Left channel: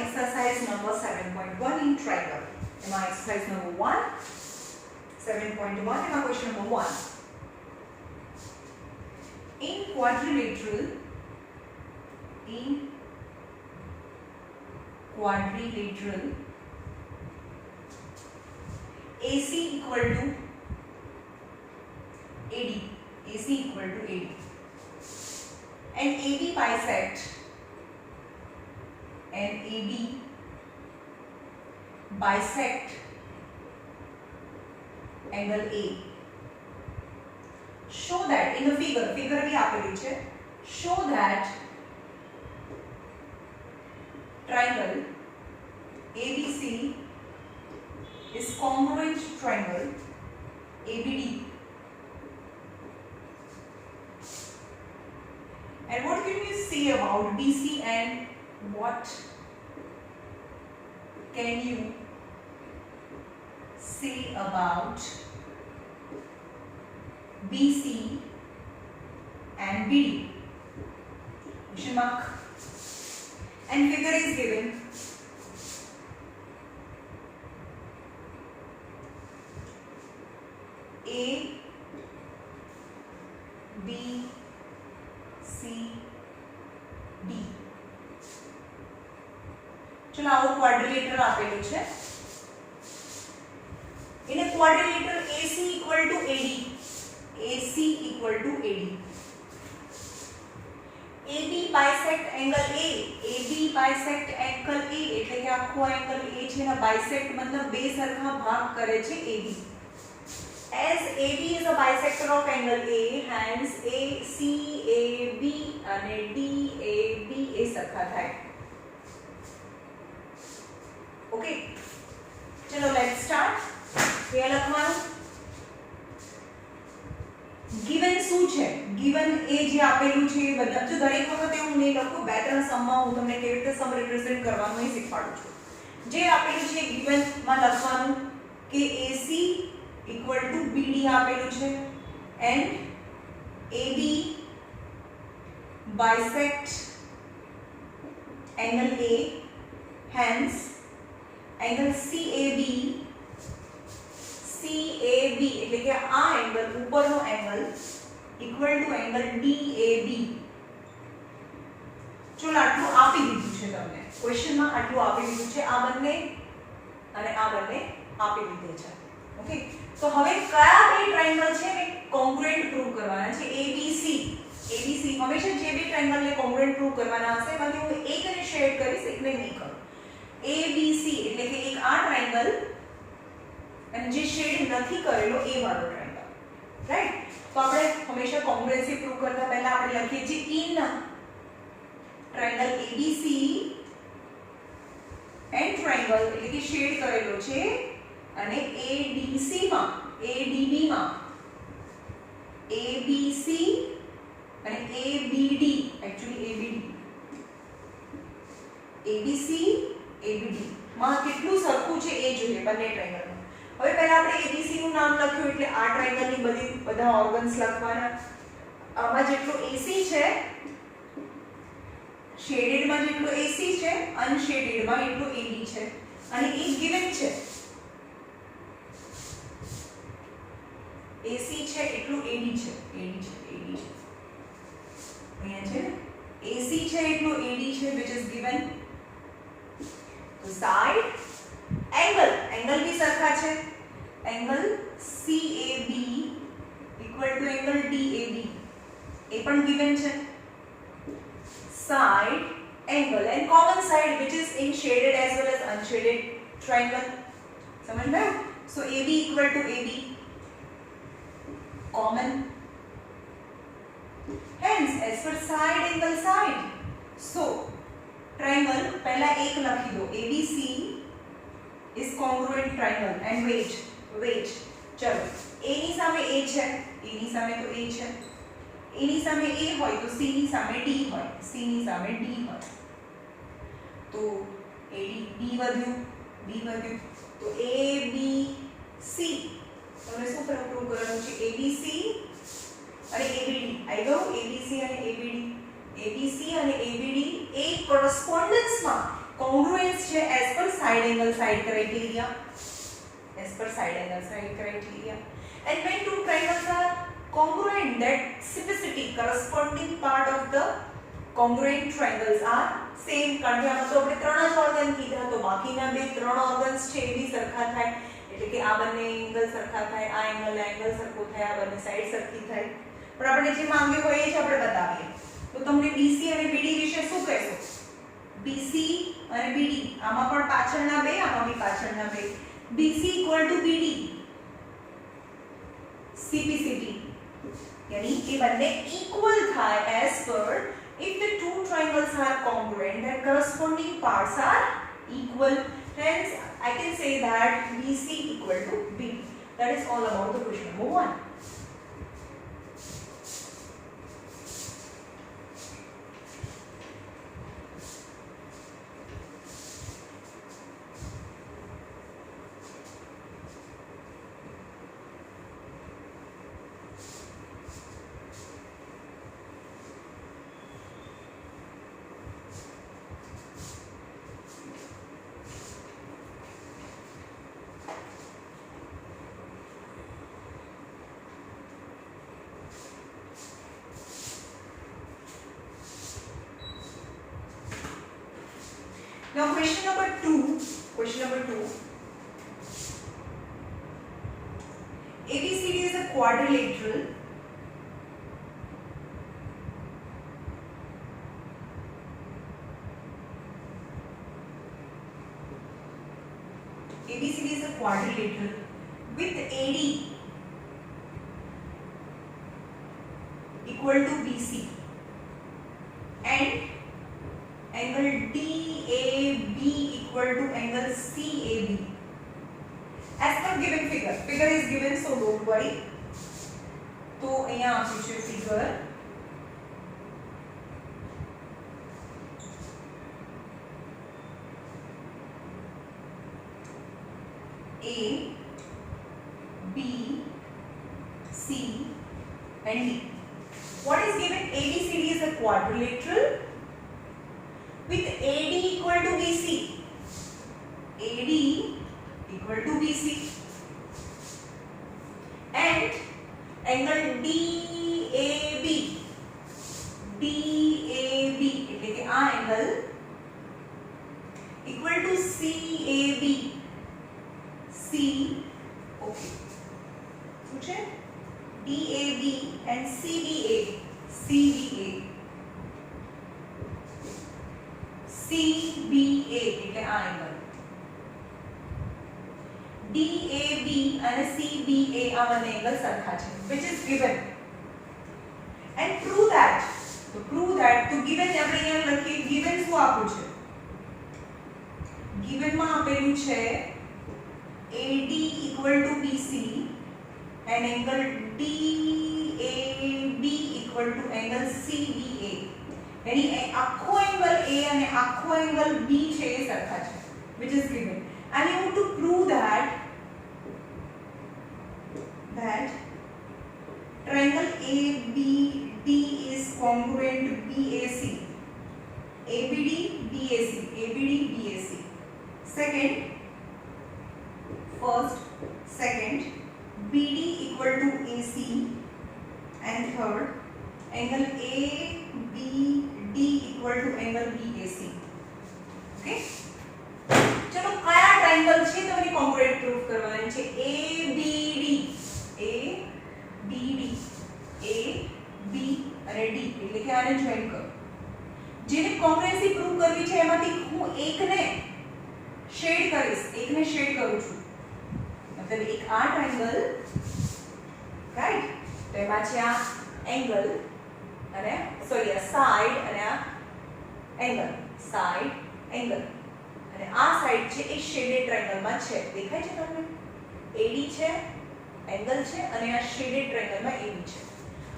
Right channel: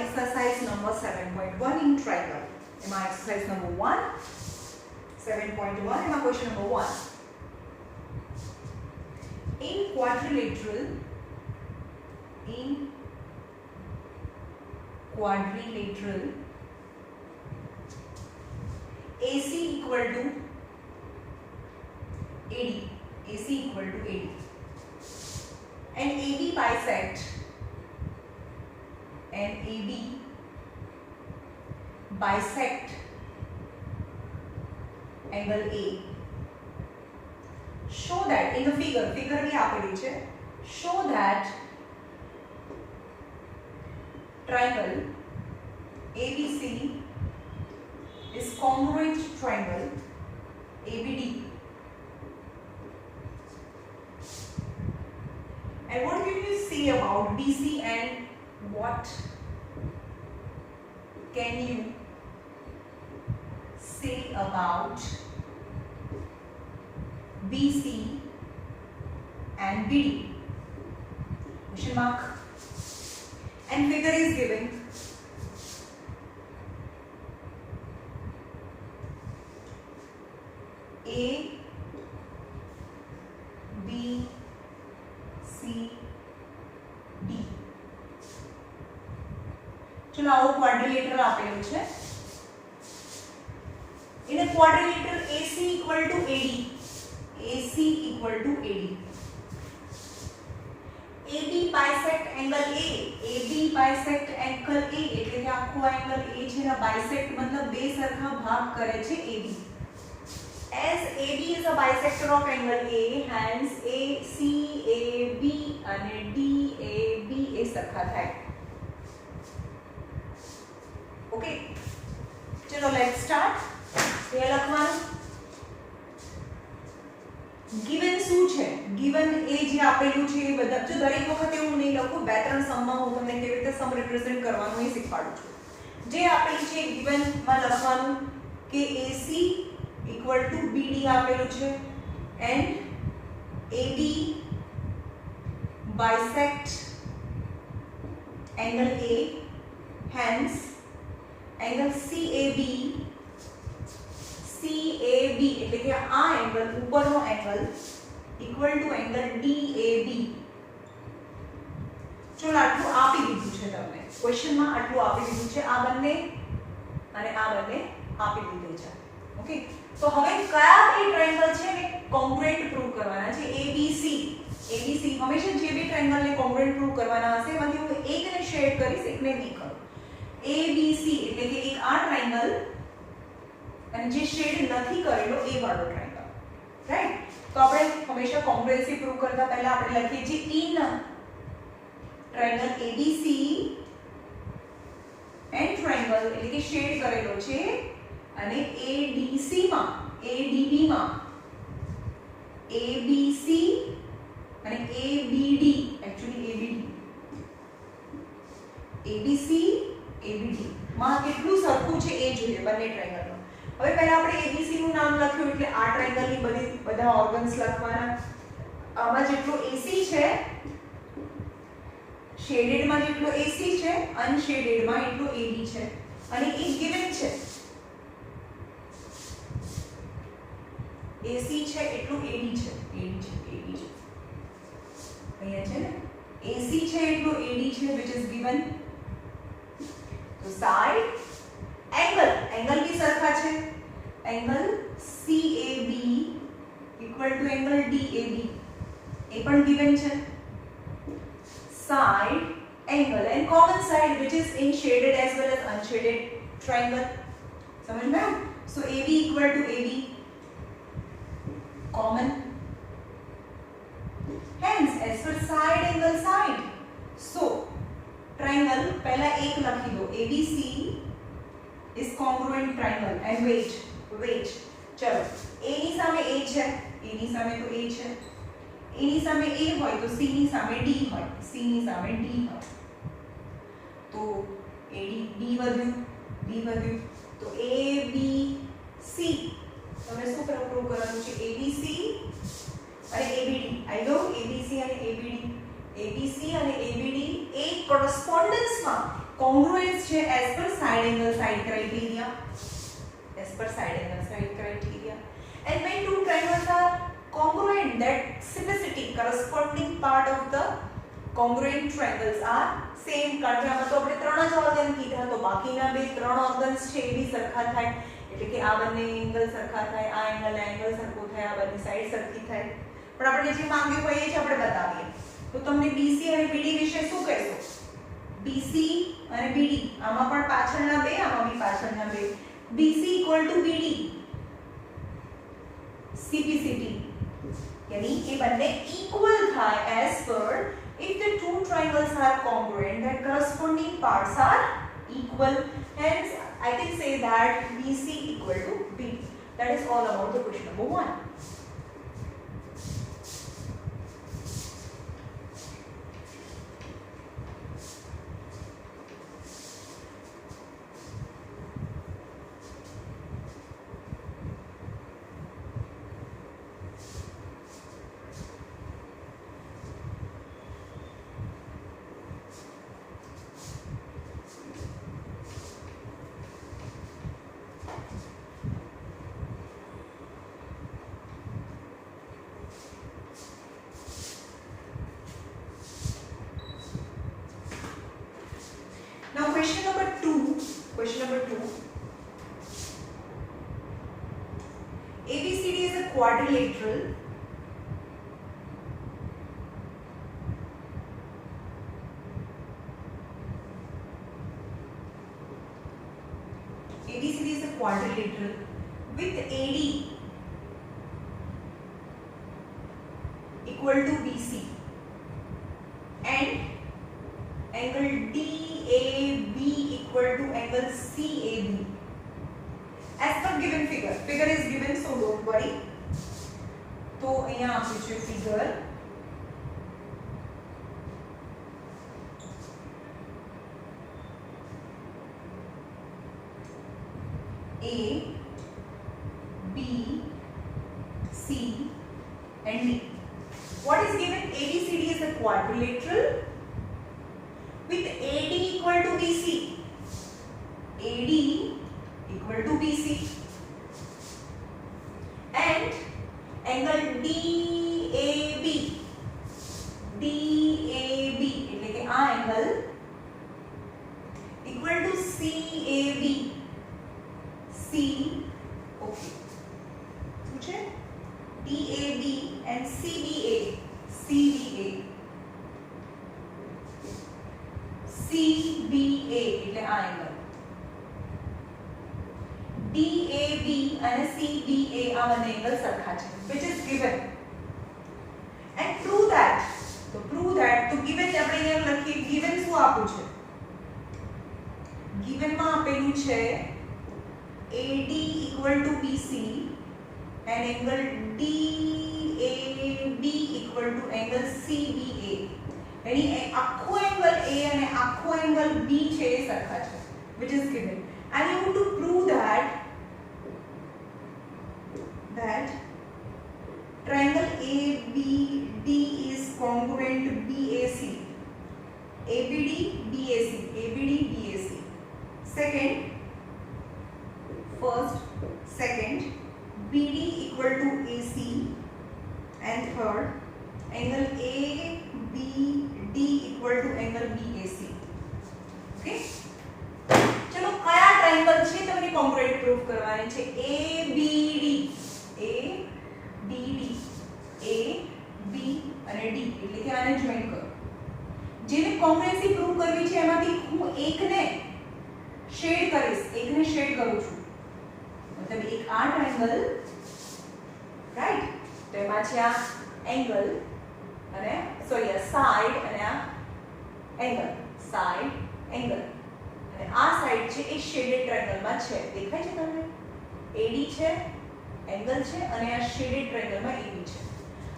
exercise number 7.1 in triangle. એમાં exercise number 1 7.1 એમાં question number 1. In quadrilateral AC equal to AD, and AB bisect angle A. Show that in the figure भी આપેલું છે. Show that triangle ABC is congruent to triangle ABD. And what can you say about BC, and what can you say about BC and BD? Question mark. And figure is given. A, B, C, D. चलो आओ क्वाड्रिलेटर આપેલું છે. In a quadrilateral AC equal to AD. AB bisect angle A. AB bisect angle A એટલે કે આખો angle A છે એના bisect મતલબ બે સરખા ભાગ કરે છે AB. As AB is a bisector of angle A, hence ACAB અને DAB એ સરખા થાય. ઓકે, ચલો લેટ્સ સ્ટાર્ટ. એ લખવાનું given શું છે, given એ જે આપેલું છે એ બધા જો દરેક વખતે હું નહીં લખું, બે ત્રણ સમમાં હું તમને કેવી રીતે સમ રિપ્રેઝન્ટ કરવાનું એ શીખવાડું છું. જે આપેલું છે given માં લખવાનું કે AC equal to BD આપેલું છે and AB bisect angle A, hence angle CAB એટલે કે આ એંગલ ઉપરનો angle equal to angle DAB. ચલો આટલું આપી દીધું છે તમને ક્વેશ્ચનમાં, આટલું આપી દીધું છે. આ બંને અને આ બંને આપી દીધું છે. ઓકે, તો હવે કયા બે ટ્રાયેંગલ છે ને કોંગ્રુએન્ટ પ્રૂવ કરવાના છે. ABC હંમેશા જે બે ટ્રાયેંગલને કોંગ્રુએન્ટ પ્રૂવ કરવાના હશે એમાંથી હું એકને શેડ કરીશ, એકને નહીં કરું. ABC એટલે કે એક આ ટ્રાયેંગલ અને જે શેડ નથી કરેલો એ વાળો ટ્રાયેંગલ, રાઈટ? તો આપણે હંમેશા કોંગ્રુએન્સી પ્રૂવ કરતા પહેલા આપણે લખીએ છીએ in triangle ABC and triangle એટલે કે શેડ કરેલો છે અને ADB માં ABC અને ABD, એક્ચ્યુઅલી ABC ABD માં કેટલું સરખું છે એ જોઈએ બંને ટ્રાયેંગલમાં. હવે પહેલા આપણે ABC નું નામ લખ્યું એટલે આ ટ્રાયેંગલની બધા ઓર્ગન્સ લખવાના. આમાં જેટલો AC છે શેડેડમાં જેટલો AC છે, અનશેડેડમાં એટલો AD છે અને એ ગિવન છે. AC છે એટલું AD છે. અહીંયા છે ને AC છે એટલું AD છે which is given. તો સાઈડ એંગલ भी સરખા છે. Angle CAB equal to angle DAB એ પણ given છે. Side angle and common side which is in shaded as well as unshaded triangle. समझ में? So AB equal to AB common. Hence as per side angle side. So triangle पहला एक लखी दो. ABC is congruent triangle and wait चलो A ની સામે A છે, A ની સામે તો A છે, A ની સામે A હોય તો C ની સામે D હોય, C ની સામે D હોય તો AD B વધ્યું તો ABC હવે શું પ્રૂવ કરવાનું છે. ABC અને ABD આઈ ગયો. ABC અને ABD એક કોરસ્પોન્ડન્સમાં કોંગ્રુએન્સ side angle side criteria, as per side angle side criteria. And when two triangles are congruent, that specificity corresponding part of the congruent triangles are same. કારણ કે આમાં તો આપણે ત્રણ જ ઓર્ગન કીધા, તો બાકીના બે ત્રણ ઓર્ગન્સ છે એ બી સરખા થાય, એટલે કે આ બંને એંગલ સરખા થાય, આ એંગલ ને એંગલ સરખો થાય, આ બંને સાઈડ સરખી થાય. પણ આપણે જે માંગ્યું હોય એ જ આપણે બતાવીએ. તો તમને BC અને BD વિશે શું કહેશો? BC અને BD આમાં પણ પાછળના બે, આમાં બી પાછળના બે. BC = BD CPCT, यानी कि બંને equal થાય as per if the two triangles are congruent, their corresponding parts are equal. Hence I can say that BC = BD. That is all about the question number 1. Now question number 2. ABCD is a quadrilateral. ABCD is a quadrilateral with AD equal to BC and angle DAB equal to angle CAB as per given figure. Figure is given, so don't worry. तो અહીંયા આપ્યું છે figure. A, B, C and D. What is given? ABCD is a quadrilateral with AD equal to BC. AD equal to BC and angle DAB. DAB એટલે કે આ angle equal to CAB. C, okay. શું છે? DAB and CBA. CBA. CBA એટલે આ angle. DAB અને CBA આ બંને એંગલ સરખા છે, which is given. And prove that. તો prove that તો given ને આપણે અહીંયા લખીએ, given શું આપ્યું છે? given માં આપેલું છે AD equal to BC and angle DAB equal to angle CBA. यानी आखो एंगल A અને આખો એંગલ B છે એ સરખા છે, which is given. And you have to prove that triangle ABD is congruent to BAC. ABD BAC. ABD BAC. Second BD equal to AC and third angle ABD equal to angle BAC. Okay, चलो કયા ટ્રાયંગલ છે તો એની concrete proof કરવાની છે. ABD AB અને D એટલે કે આને જોઈન કરો. જેની કોન્ગ્રુએન્સી પ્રૂફ કરવી છે એમાંથી હું એકને શેડ કરીશ, એકને શેડ કરું છું. मतलब एक आ ट्रायंगल, राइट? तो એમાં છે આ એંગલ અને સોરી આ સાઈડ અને આ એંગલ, સાઈડ એંગલ અને આ સાઈડ છે એ શેડેડ ટ્રાયંગલમાં છે. દેખાય છે તમને? AD છે, એંગલ છે અને આ શેડેડ ટ્રાયંગલમાં AB છે.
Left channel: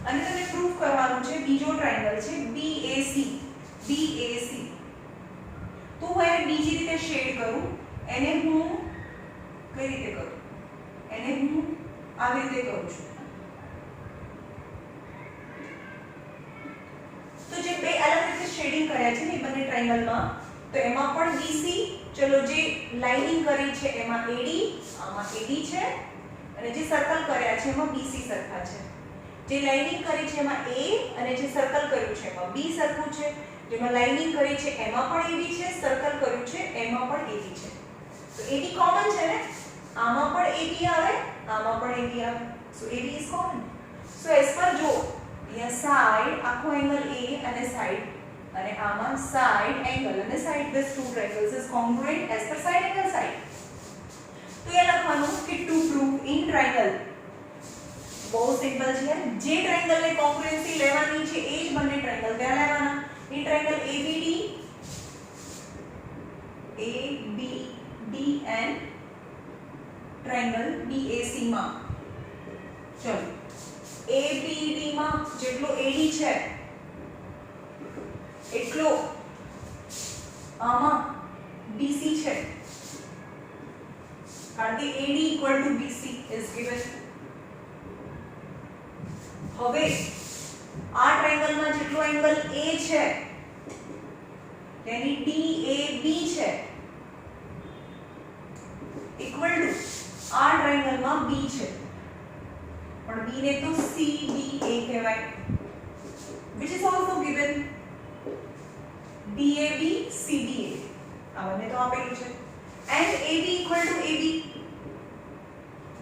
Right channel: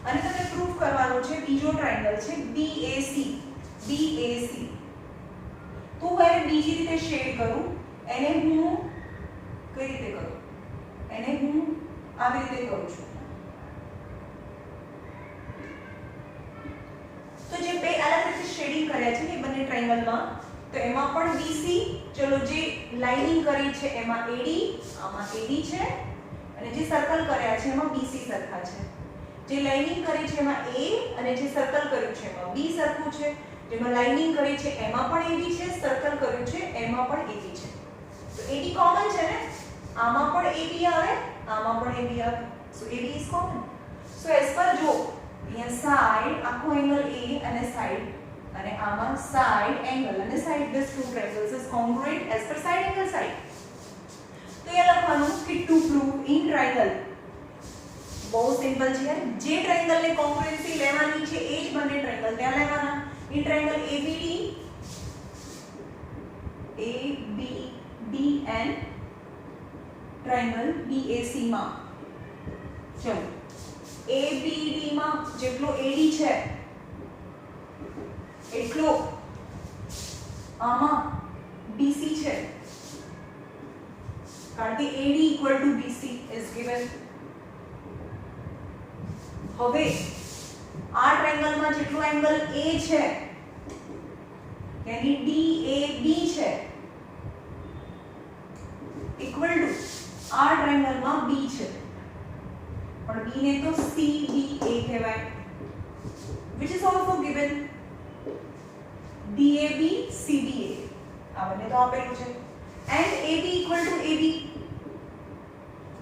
અને તમને પ્રૂફ કરવાનું છે બીજો ટ્રાયંગલ છે BAC. તો હું એને બીજી રીતે શેડ કરું, એને હું કઈ રીતે કરું? એને હું આવી રીતે કરું છું. તો જે બે અલગ રીતે શેડિંગ કર્યા છે ને બંને ટ્રાયંગલમાં, તો એમાં પણ BC ચલો જે લાઇનિંગ કરી છે એમાં AD, આમાં AD છે અને જે સર્કલ કર્યા છે એમાં BC સરખા છે. જે લાઇનિંગ કરી છે એમાં A અને જે સર્કલ કર્યું છે એમાં B સરખું છે. જેમાં લાઇનિંગ કરી છે એમાં પણ AB છે, સર્કલ કર્યું છે એમાં પણ AB છે. તો AD કોમન છે ને, આમાં પણ AB આવે, આમાં પણ AB આવે. સો AD is common. સો એસ પર જો અહીંયા સાઈડ આખો એંગલ A અને સાઈડ અને આમાં સાઈડ એંગલ અને side, this two triangles is congruent as per side angle side. તો એ લખવાનું કે to prove in triangle, બહુ સિમ્પલ છે યાર. જે ટ્રાયંગલ ને કોંગ્રુએન્સી લેવાની છે એ જ બંને ટ્રાયંગલ ત્યાં લેવાના. in triangle ABD and triangle BAC માં, ચલો ABD માં જેટલો AD છે એટલો આમાં BC છે, કારણ કે AD equal to BC is given. હવે આ ટ્રાયંગલ માં જેટલો એંગલ A છે તેની DAB છે ઇક્વલ ટુ આ ટ્રાયંગલ માં B છે, પણ B ને તો CBA કહેવાય, which is also given. DAB CBA આ બંને તો આપેલું છે and AB equal to AB.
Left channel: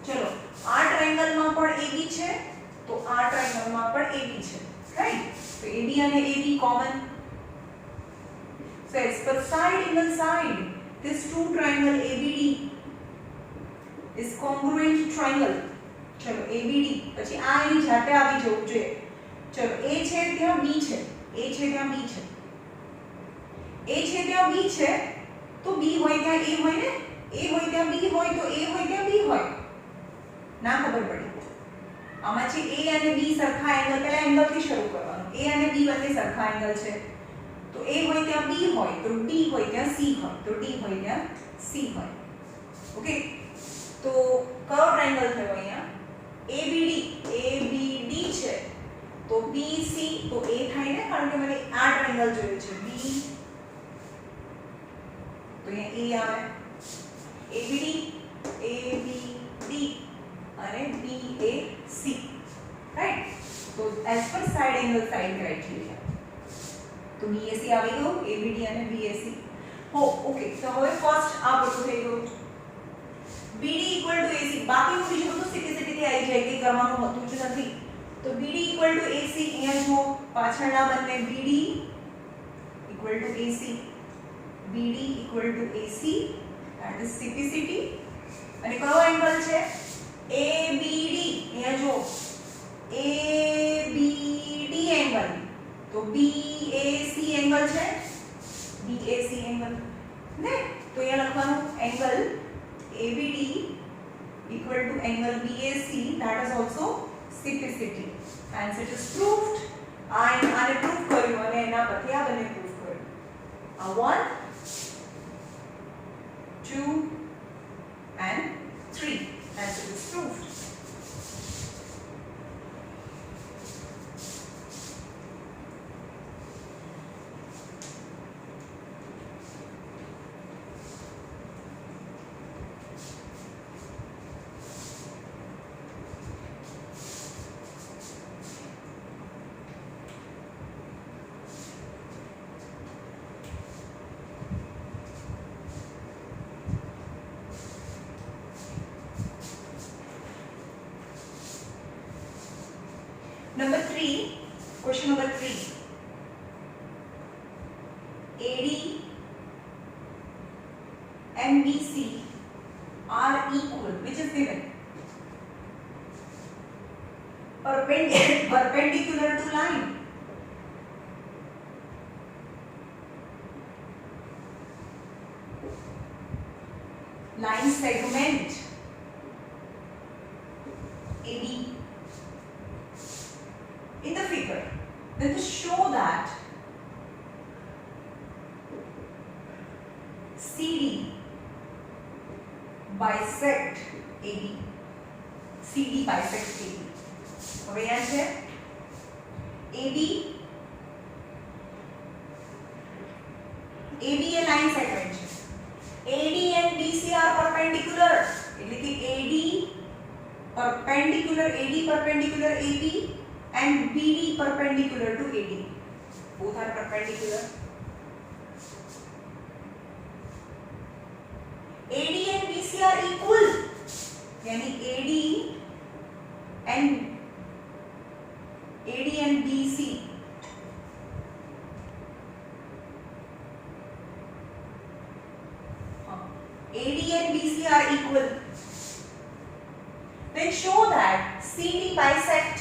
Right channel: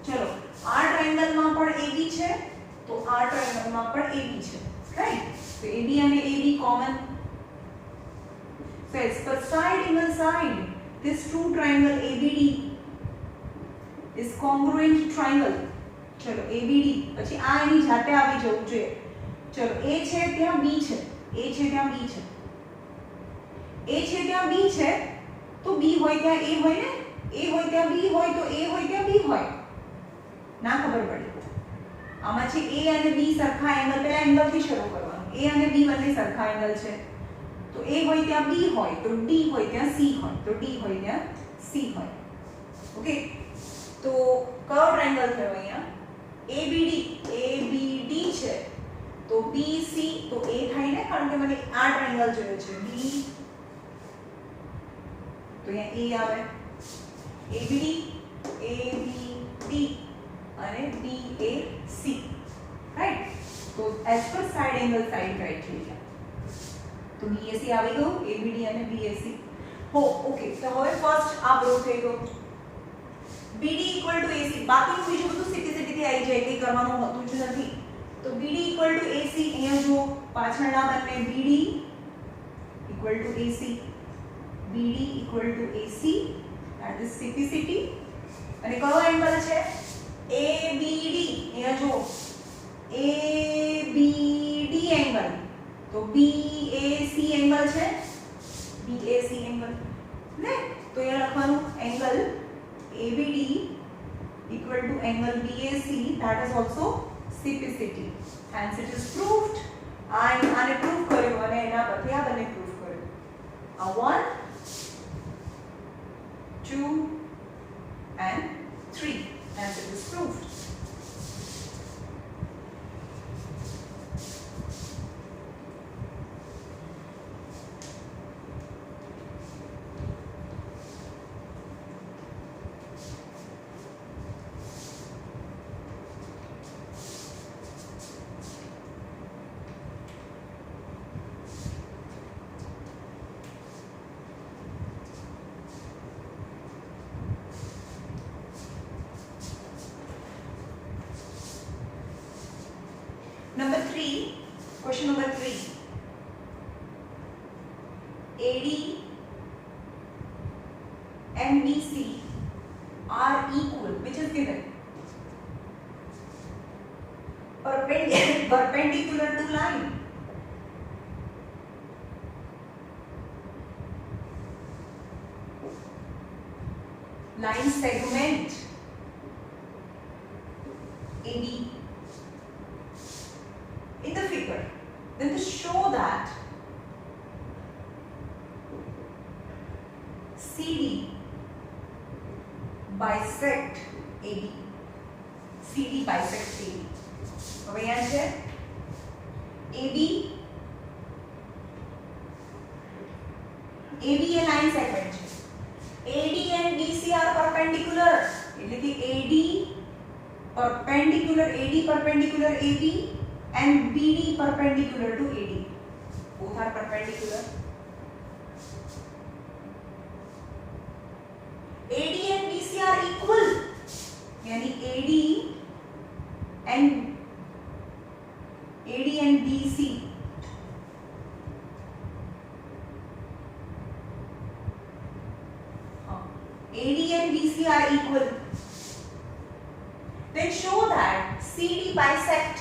ચલો આ ટ્રાયંગલ માં પણ AB છે તો આ ટ્રાયંગલ માં પણ AB છે, રાઈટ? તો AB અને AB common. So as per side angle side, this two triangle ABD is congruent triangle. ચલો ABD પછી આ એની જાતે આવી જવું જોઈએ. ચલો A છે ત્યાં B છે, A છે ત્યાં B છે, A છે ત્યાં B છે તો B હોય ત્યાં A હોય ને, A હોય ત્યાં B હોય તો A હોય ત્યાં B હોય. ના ખબર પડી. આમાં છે A અને B સરખા એંગલ, પહેલા એંગલ થી શરૂ કરવાનું. A અને B બંને સરખા એંગલ છે તો A હોય ત્યાં B હોય તો D હોય ત્યાં C હોય તો D હોય ત્યાં C હોય. ઓકે, તો કયો ટ્રાયંગલ થયો અહીંયા? ABD છે તો BC તો A થાય ને, કારણ કે મને આ ટ્રાયંગલ જોઈએ છે B, તો અહીંયા A આવે. ABD અને BAC, રાઈટ? તો as per side angle side criteria તો BAC આવી ગયું, ABD અને BAC. હો ઓકે, તો હવે ફર્સ્ટ આ પ્રૂવ થઈ ગયું. BD equal to AC, બાકીનું બીજું બધું સીધી થી આવી જાય, કે કરવાનું હોતું જ નથી. તો BD equal to AC, અહીંયા જો પાછળના બંને BD equal to AC, BD equal to AC, that is CPCT. અને કયો એંગલ છે? ABD, અહીંયા જો ABD એંગલ તો BAC એંગલ છે, BAC એંગલ ને, તો અહીંયા લખવાનું angle ABD equal to angle BAC, that is also CPCT. Hence it is proved. આને પ્રૂવ કર્યું અને એના પરથી આ બંને પ્રૂવ કર્યું. આ 1 2 and 3. Hence it is proved. Number 3, question number 3. AD and BC are equal, which is given. Perpendicular to line. Line segment AD. In the figure, then to show that CD bisect AD, CD bisect AD. હવે અહીંયા છે AB એ line segment છે. AD and BC are perpendicular એટલે કે AD perpendicular AB and BD perpendicular to AD. Both are perpendicular. AD and BC are equal. यानी AD and BC AD and BC are equal. Then show that CD bisect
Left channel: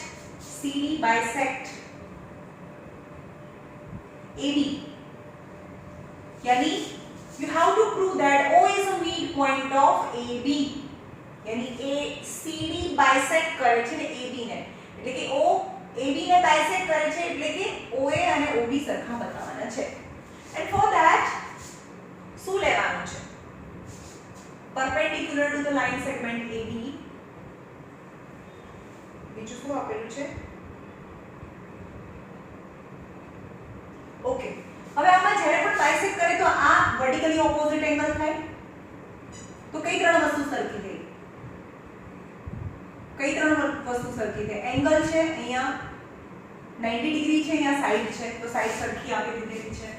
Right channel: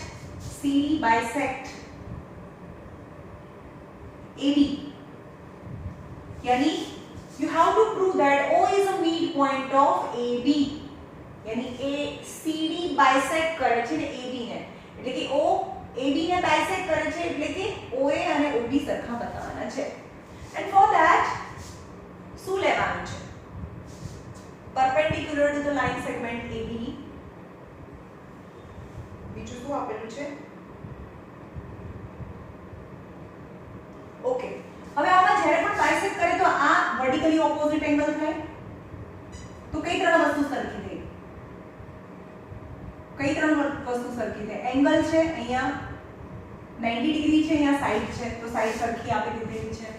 AD. यानी you have to prove that O is a midpoint of AB. यानी CD bisect કરે છે ને AB ને એટલે કે O AB ને bisect કરે છે એટલે કે OA અને OB સરખા બતાવવાના છે. And for that શું લેવાનું છે? Perpendicular to the line segment AB. બીજું શું આપેલું છે? ઓકે, હવે આમાં જ્યારે પણ બાયસેક્ટ કરે તો આ વર્ટિકલી ઓપોઝિટ એંગલ થાય. તો કઈ ત્રણ વસ્તુ સરખી થઈ? કઈ ત્રણ વસ્તુ સરખી થઈ? એંગલ છે અહીંયા 90 ડિગ્રી છે, અહીંયા સાઈડ છે તો સાઈડ સરખી આપી દીધેલી છે.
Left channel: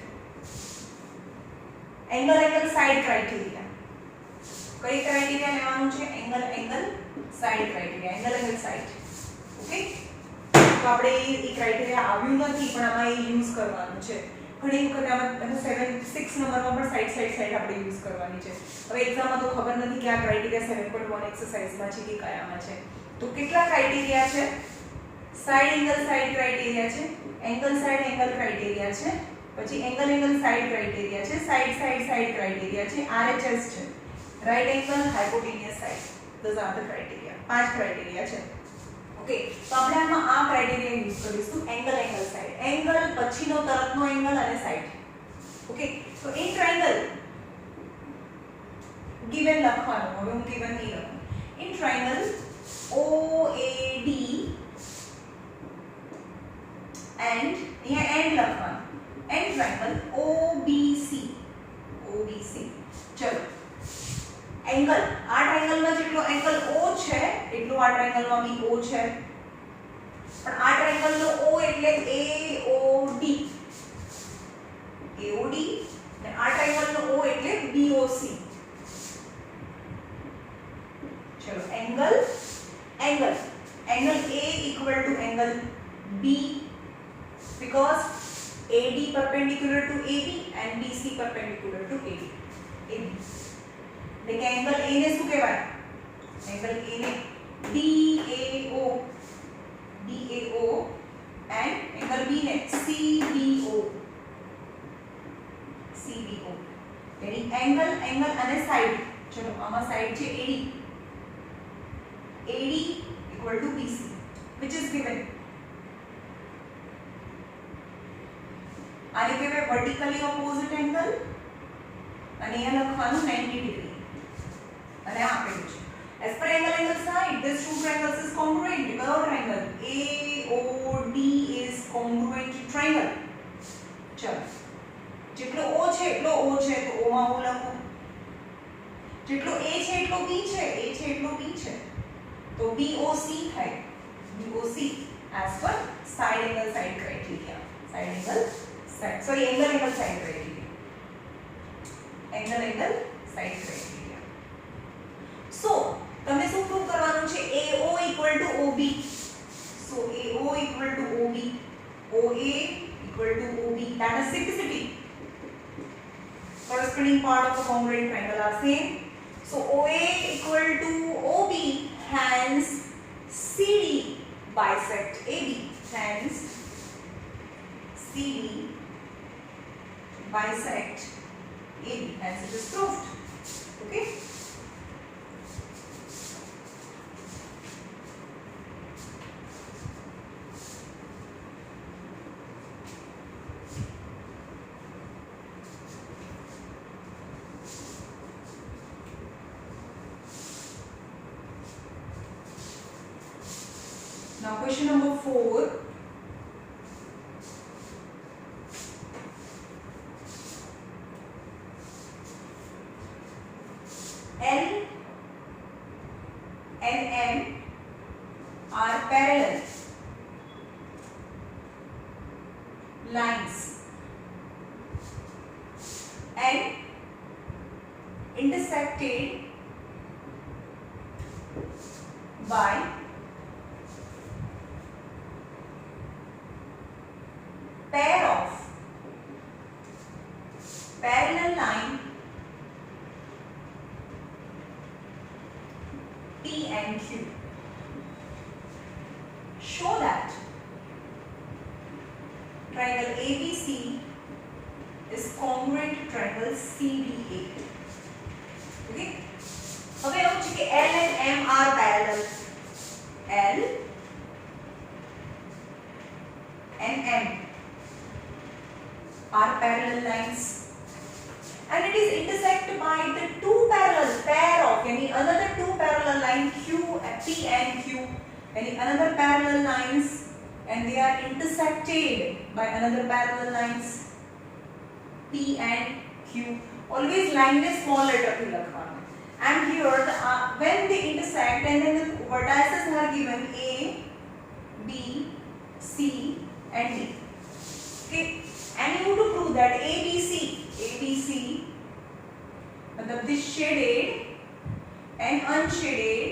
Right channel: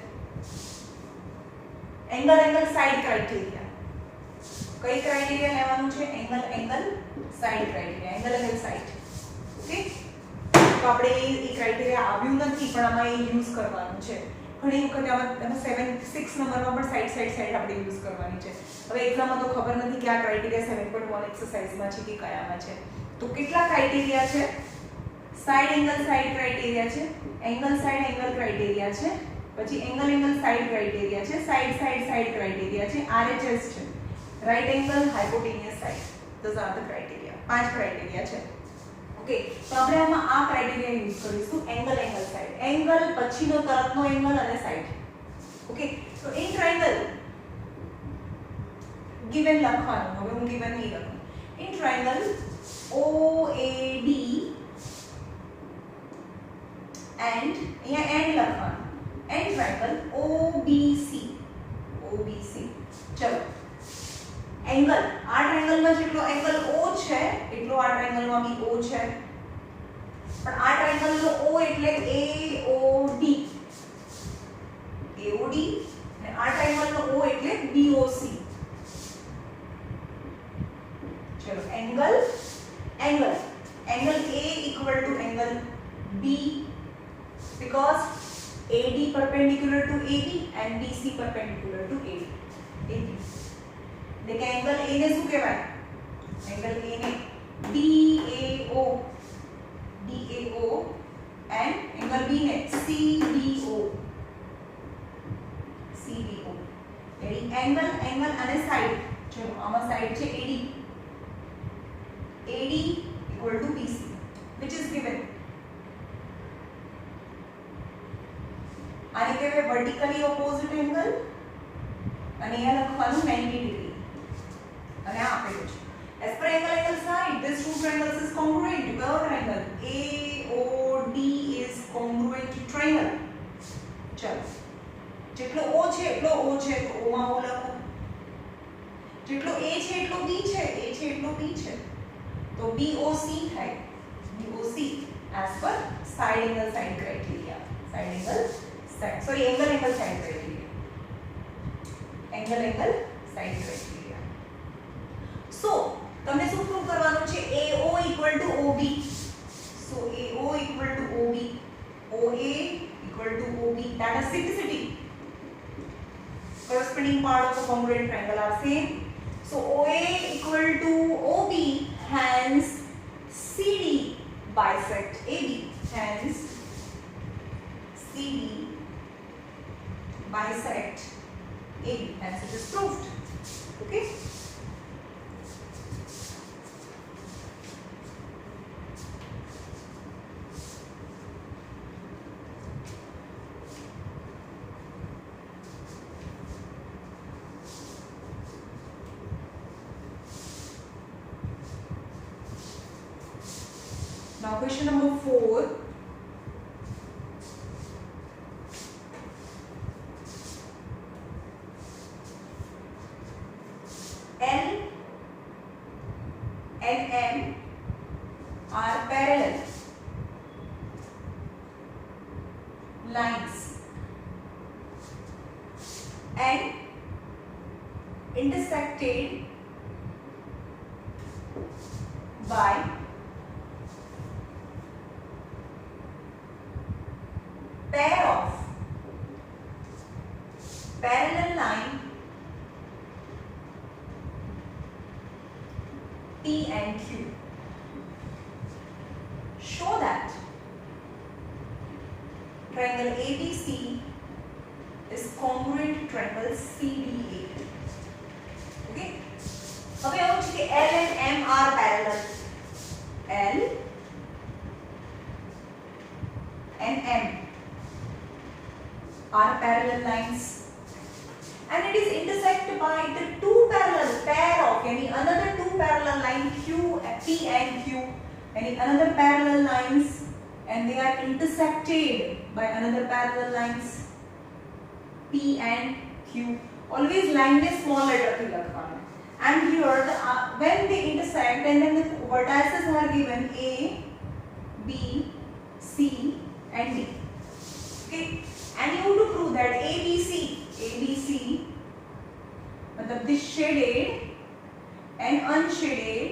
Angle side criteria. કઈ ક્રાઇટેરિયા લેવાનું છે? Angle side criteria. Angle side. Okay, તો આપણે એ ક્રાઇટેરિયા આવ્યું નથી પણ આમાં એ યુઝ કરવાનું છે. ઘણી વખત આમાં 6 નંબરમાં પણ સાઈડ આપણે યુઝ કરવાની છે. હવે એક્ઝામમાં તો ખબર નથી કે આ ક્રાઇટેરિયા 7.1 એક્સરસાઇઝમાં છે કે કયામાં છે. તો કેટલા ક્રાઇટેરિયા છે? સાઈડ ક્રાઇટેરિયા છે, એંગલ ક્રાઇટેરિયા છે, પછી એંગલ સાઈડ ક્રાઇટેરિયા છે, સાઈડ ક્રાઇટેરિયા છે, RHS છે, right angle hypotenuse side. Those are the criteria. 5 criteria છે. ઓકે, તો આપણે આમાં આ ક્રાઇટેરિયા યુઝ કરીશું. Angle side. એંગલ પછીનો તરફનો એંગલ અને સાઈડ. ઓકે, તો ઇન ટ્રાયેંગલ ગિવન લખવાનું. હવે હું ગિવન નહીં લખું. ઇન ટ્રાયેંગલ OAD and અહીંયા એન્ડ લખવાનું. And triangle OBC. ચલો, એંગલ આ ટ્રાયેંગલમાં જેટલો એંગલ O છે એટલો આ ટ્રાયેંગલમાં બી O છે. પણ આ ટ્રાયેંગલનો O એટલે AOD અને આ ટ્રાયેંગલનો O એટલે BOC. ચલો, angle A equal to angle B because AD perpendicular to AB and BC perpendicular to AB. देखिए एंगल A ने શું કહેવાય? એંગલ A ને DAO and એંગલ B ને CBO. यानी एंगल અને સાઈડ. ચલો, આમાં સાઈડ છે AD equal to BC which is given. આને કહેવાય વર્ટિકલી ઓપોઝિટ એંગલ અને અહીંયા લખવાનું 90 ડિગ્રી અને આ આપેલું છે. as per angle side these two triangles is congruent because our triangle AOD is congruent to triangle. ચલો, જેટલો O છે એટલો O છે તો O માં O લખો. જેટલો A છે એટલો B છે, તો BOC થાય. BOC as per side angle side criteria. Angle side criteria. So તમને શું પ્રૂવ કરવાનું છે? AO equal to OB. So AO equal to OB, OA equal to OB. That is simplicity. Corresponding part of the congruent triangle are same. So OA equal to OB, hence CD bisect AB. Hence CD bisect AB. Hence it is proved. Okay. Now question number 4. and M are parallel lines and intersected by pair of parallel line P and Q. Show that triangle ABC is congruent to triangle CDA. Okay. હવે એવું છે કે L and M are parallel. L and M are parallel lines and it is intersected by the two parallel pair of another two parallel line Q P and Q another parallel lines and they are intersected by another parallel lines P and Q. Always line is small letter થી લખવાનું. And here when they intersect and then the vertices are given A, B, C and D. Okay. And you have to prove that ABC मतलब this shaded and unshaded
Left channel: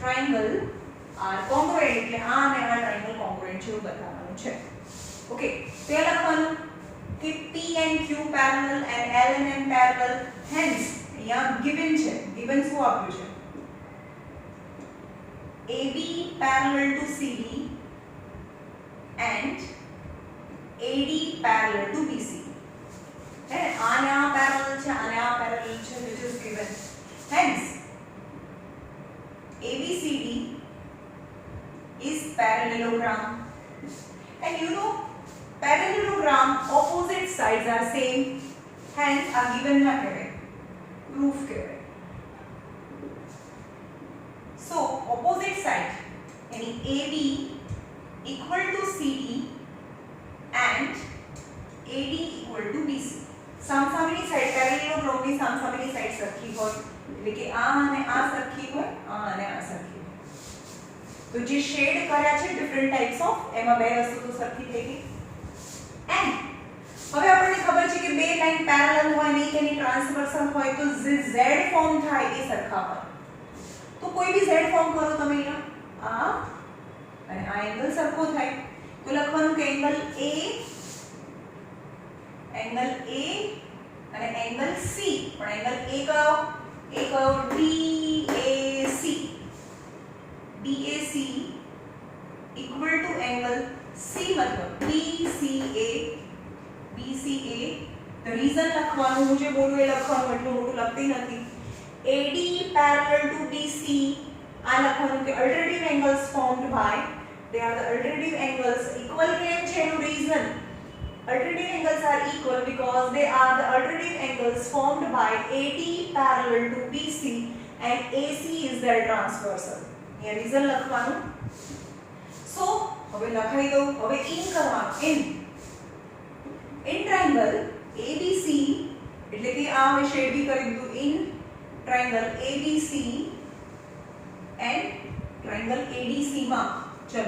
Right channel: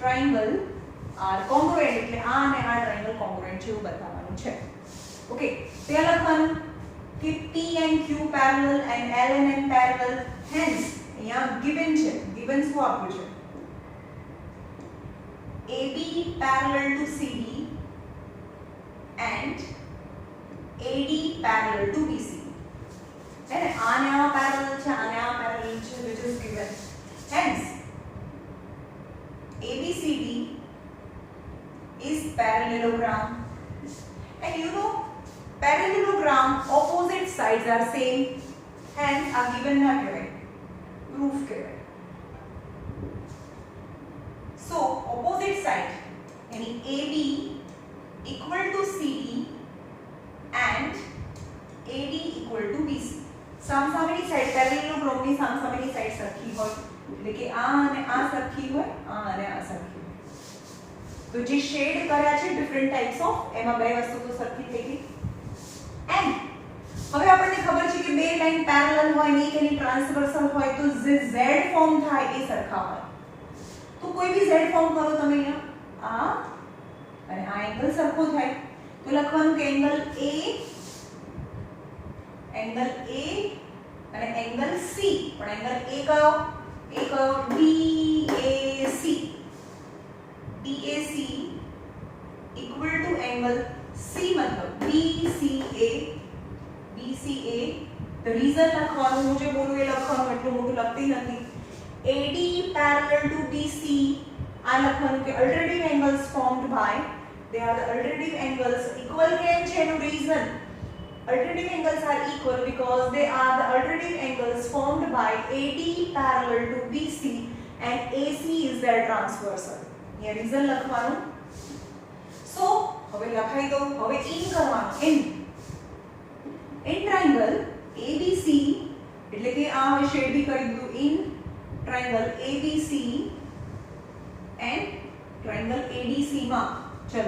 triangle are congruent એટલે આ અને આ triangle congruent છે એવું બતાવવાનું છે. ઓકે તે લખવાનું કે P and Q parallel and L and M parallel hence અહીંયા given છે given શું આપ્યું છે AB parallel to CD and AD parallel to BC. है आने आ parallel છે आने आ parallel છે which is given. Hence ABCD is parallelogram and you know parallelogram opposite sides are same hence are given ना करें proof करें. So opposite side यानी AB equal to CD and AD equal to BC. સામસામેની સાઈડ પેરેલેલોગ્રામની સામસામેની side સરખી હોય એટલે કે આ અને આ સરખી હોય આ અને આ સરખી હોય. તો જે શેડ કર્યા છે ડિફરન્ટ ટાઈપ્સ ઓફ એમાં બે વસ્તુ તો સરખી થઈ ગઈ. એન્ડ હવે આપણને ખબર છે કે બે લાઈન પેરેલલ હોય ને એની ટ્રાન્સવર્સલ હોય તો જે Z ફોર્મ થાય એ સરખા હોય. તો કોઈ બી Z ફોર્મ કરો તમે અહીંયા આ અને આ એંગલ સરખો થાય તો લખવાનું કે એંગલ A અને એંગલ C પણ એંગલ A કયો DAC equal to angle C मतलब BCA the reason લખવાનું હું જે બોલું એ લખવાનું એટલું મોટું લખતી નથી. AD parallel to BC આ લખવાનું કે alternative angles formed by they are the alternative angles equal કેમ છે એનું reason alternative angles are equal because they are the alternative angles formed by AD parallel to BC and AC is their transversal. ये reason લખવાનું. So હવે લખાઈ દઉં હવે in કરવાનું in triangle ABC એટલે કે આ હવે શેડ બી કરી દીધું in triangle ABC and triangle ADC માં ચલો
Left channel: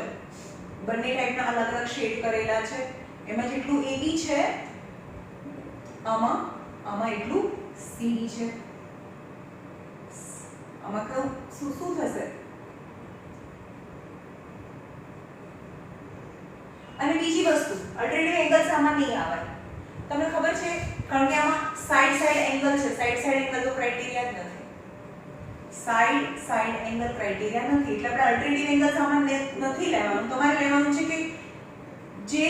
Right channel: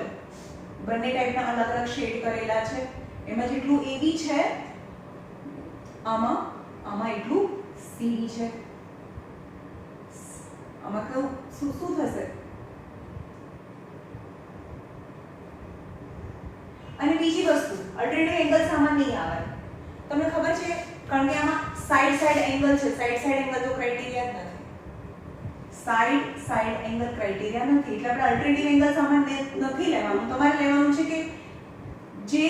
બંને ટાઈપના અલગ અલગ શેડ કરેલા છે એમાં જેટલું AB છે આમાં એટલું CD છે આમાં કેવું શું થશે અને બીજી વસ્તુ અલ્ટરનેટિવ એંગલ્સ આમાં નહીં આવે તમને ખબર છે કારણ કે આમાં સાઈડ એંગલ છે સાઈડ એંગલ તો ક્રાઇટેરિયા જ નથી સાઈડ એંગલ ક્રાઇટેરિયા નથી એટલે આપણે અલ્ટરનેટિવ એંગલ્સ આમાં નથી લેવાનું તમારે લેવાનું છે કે જે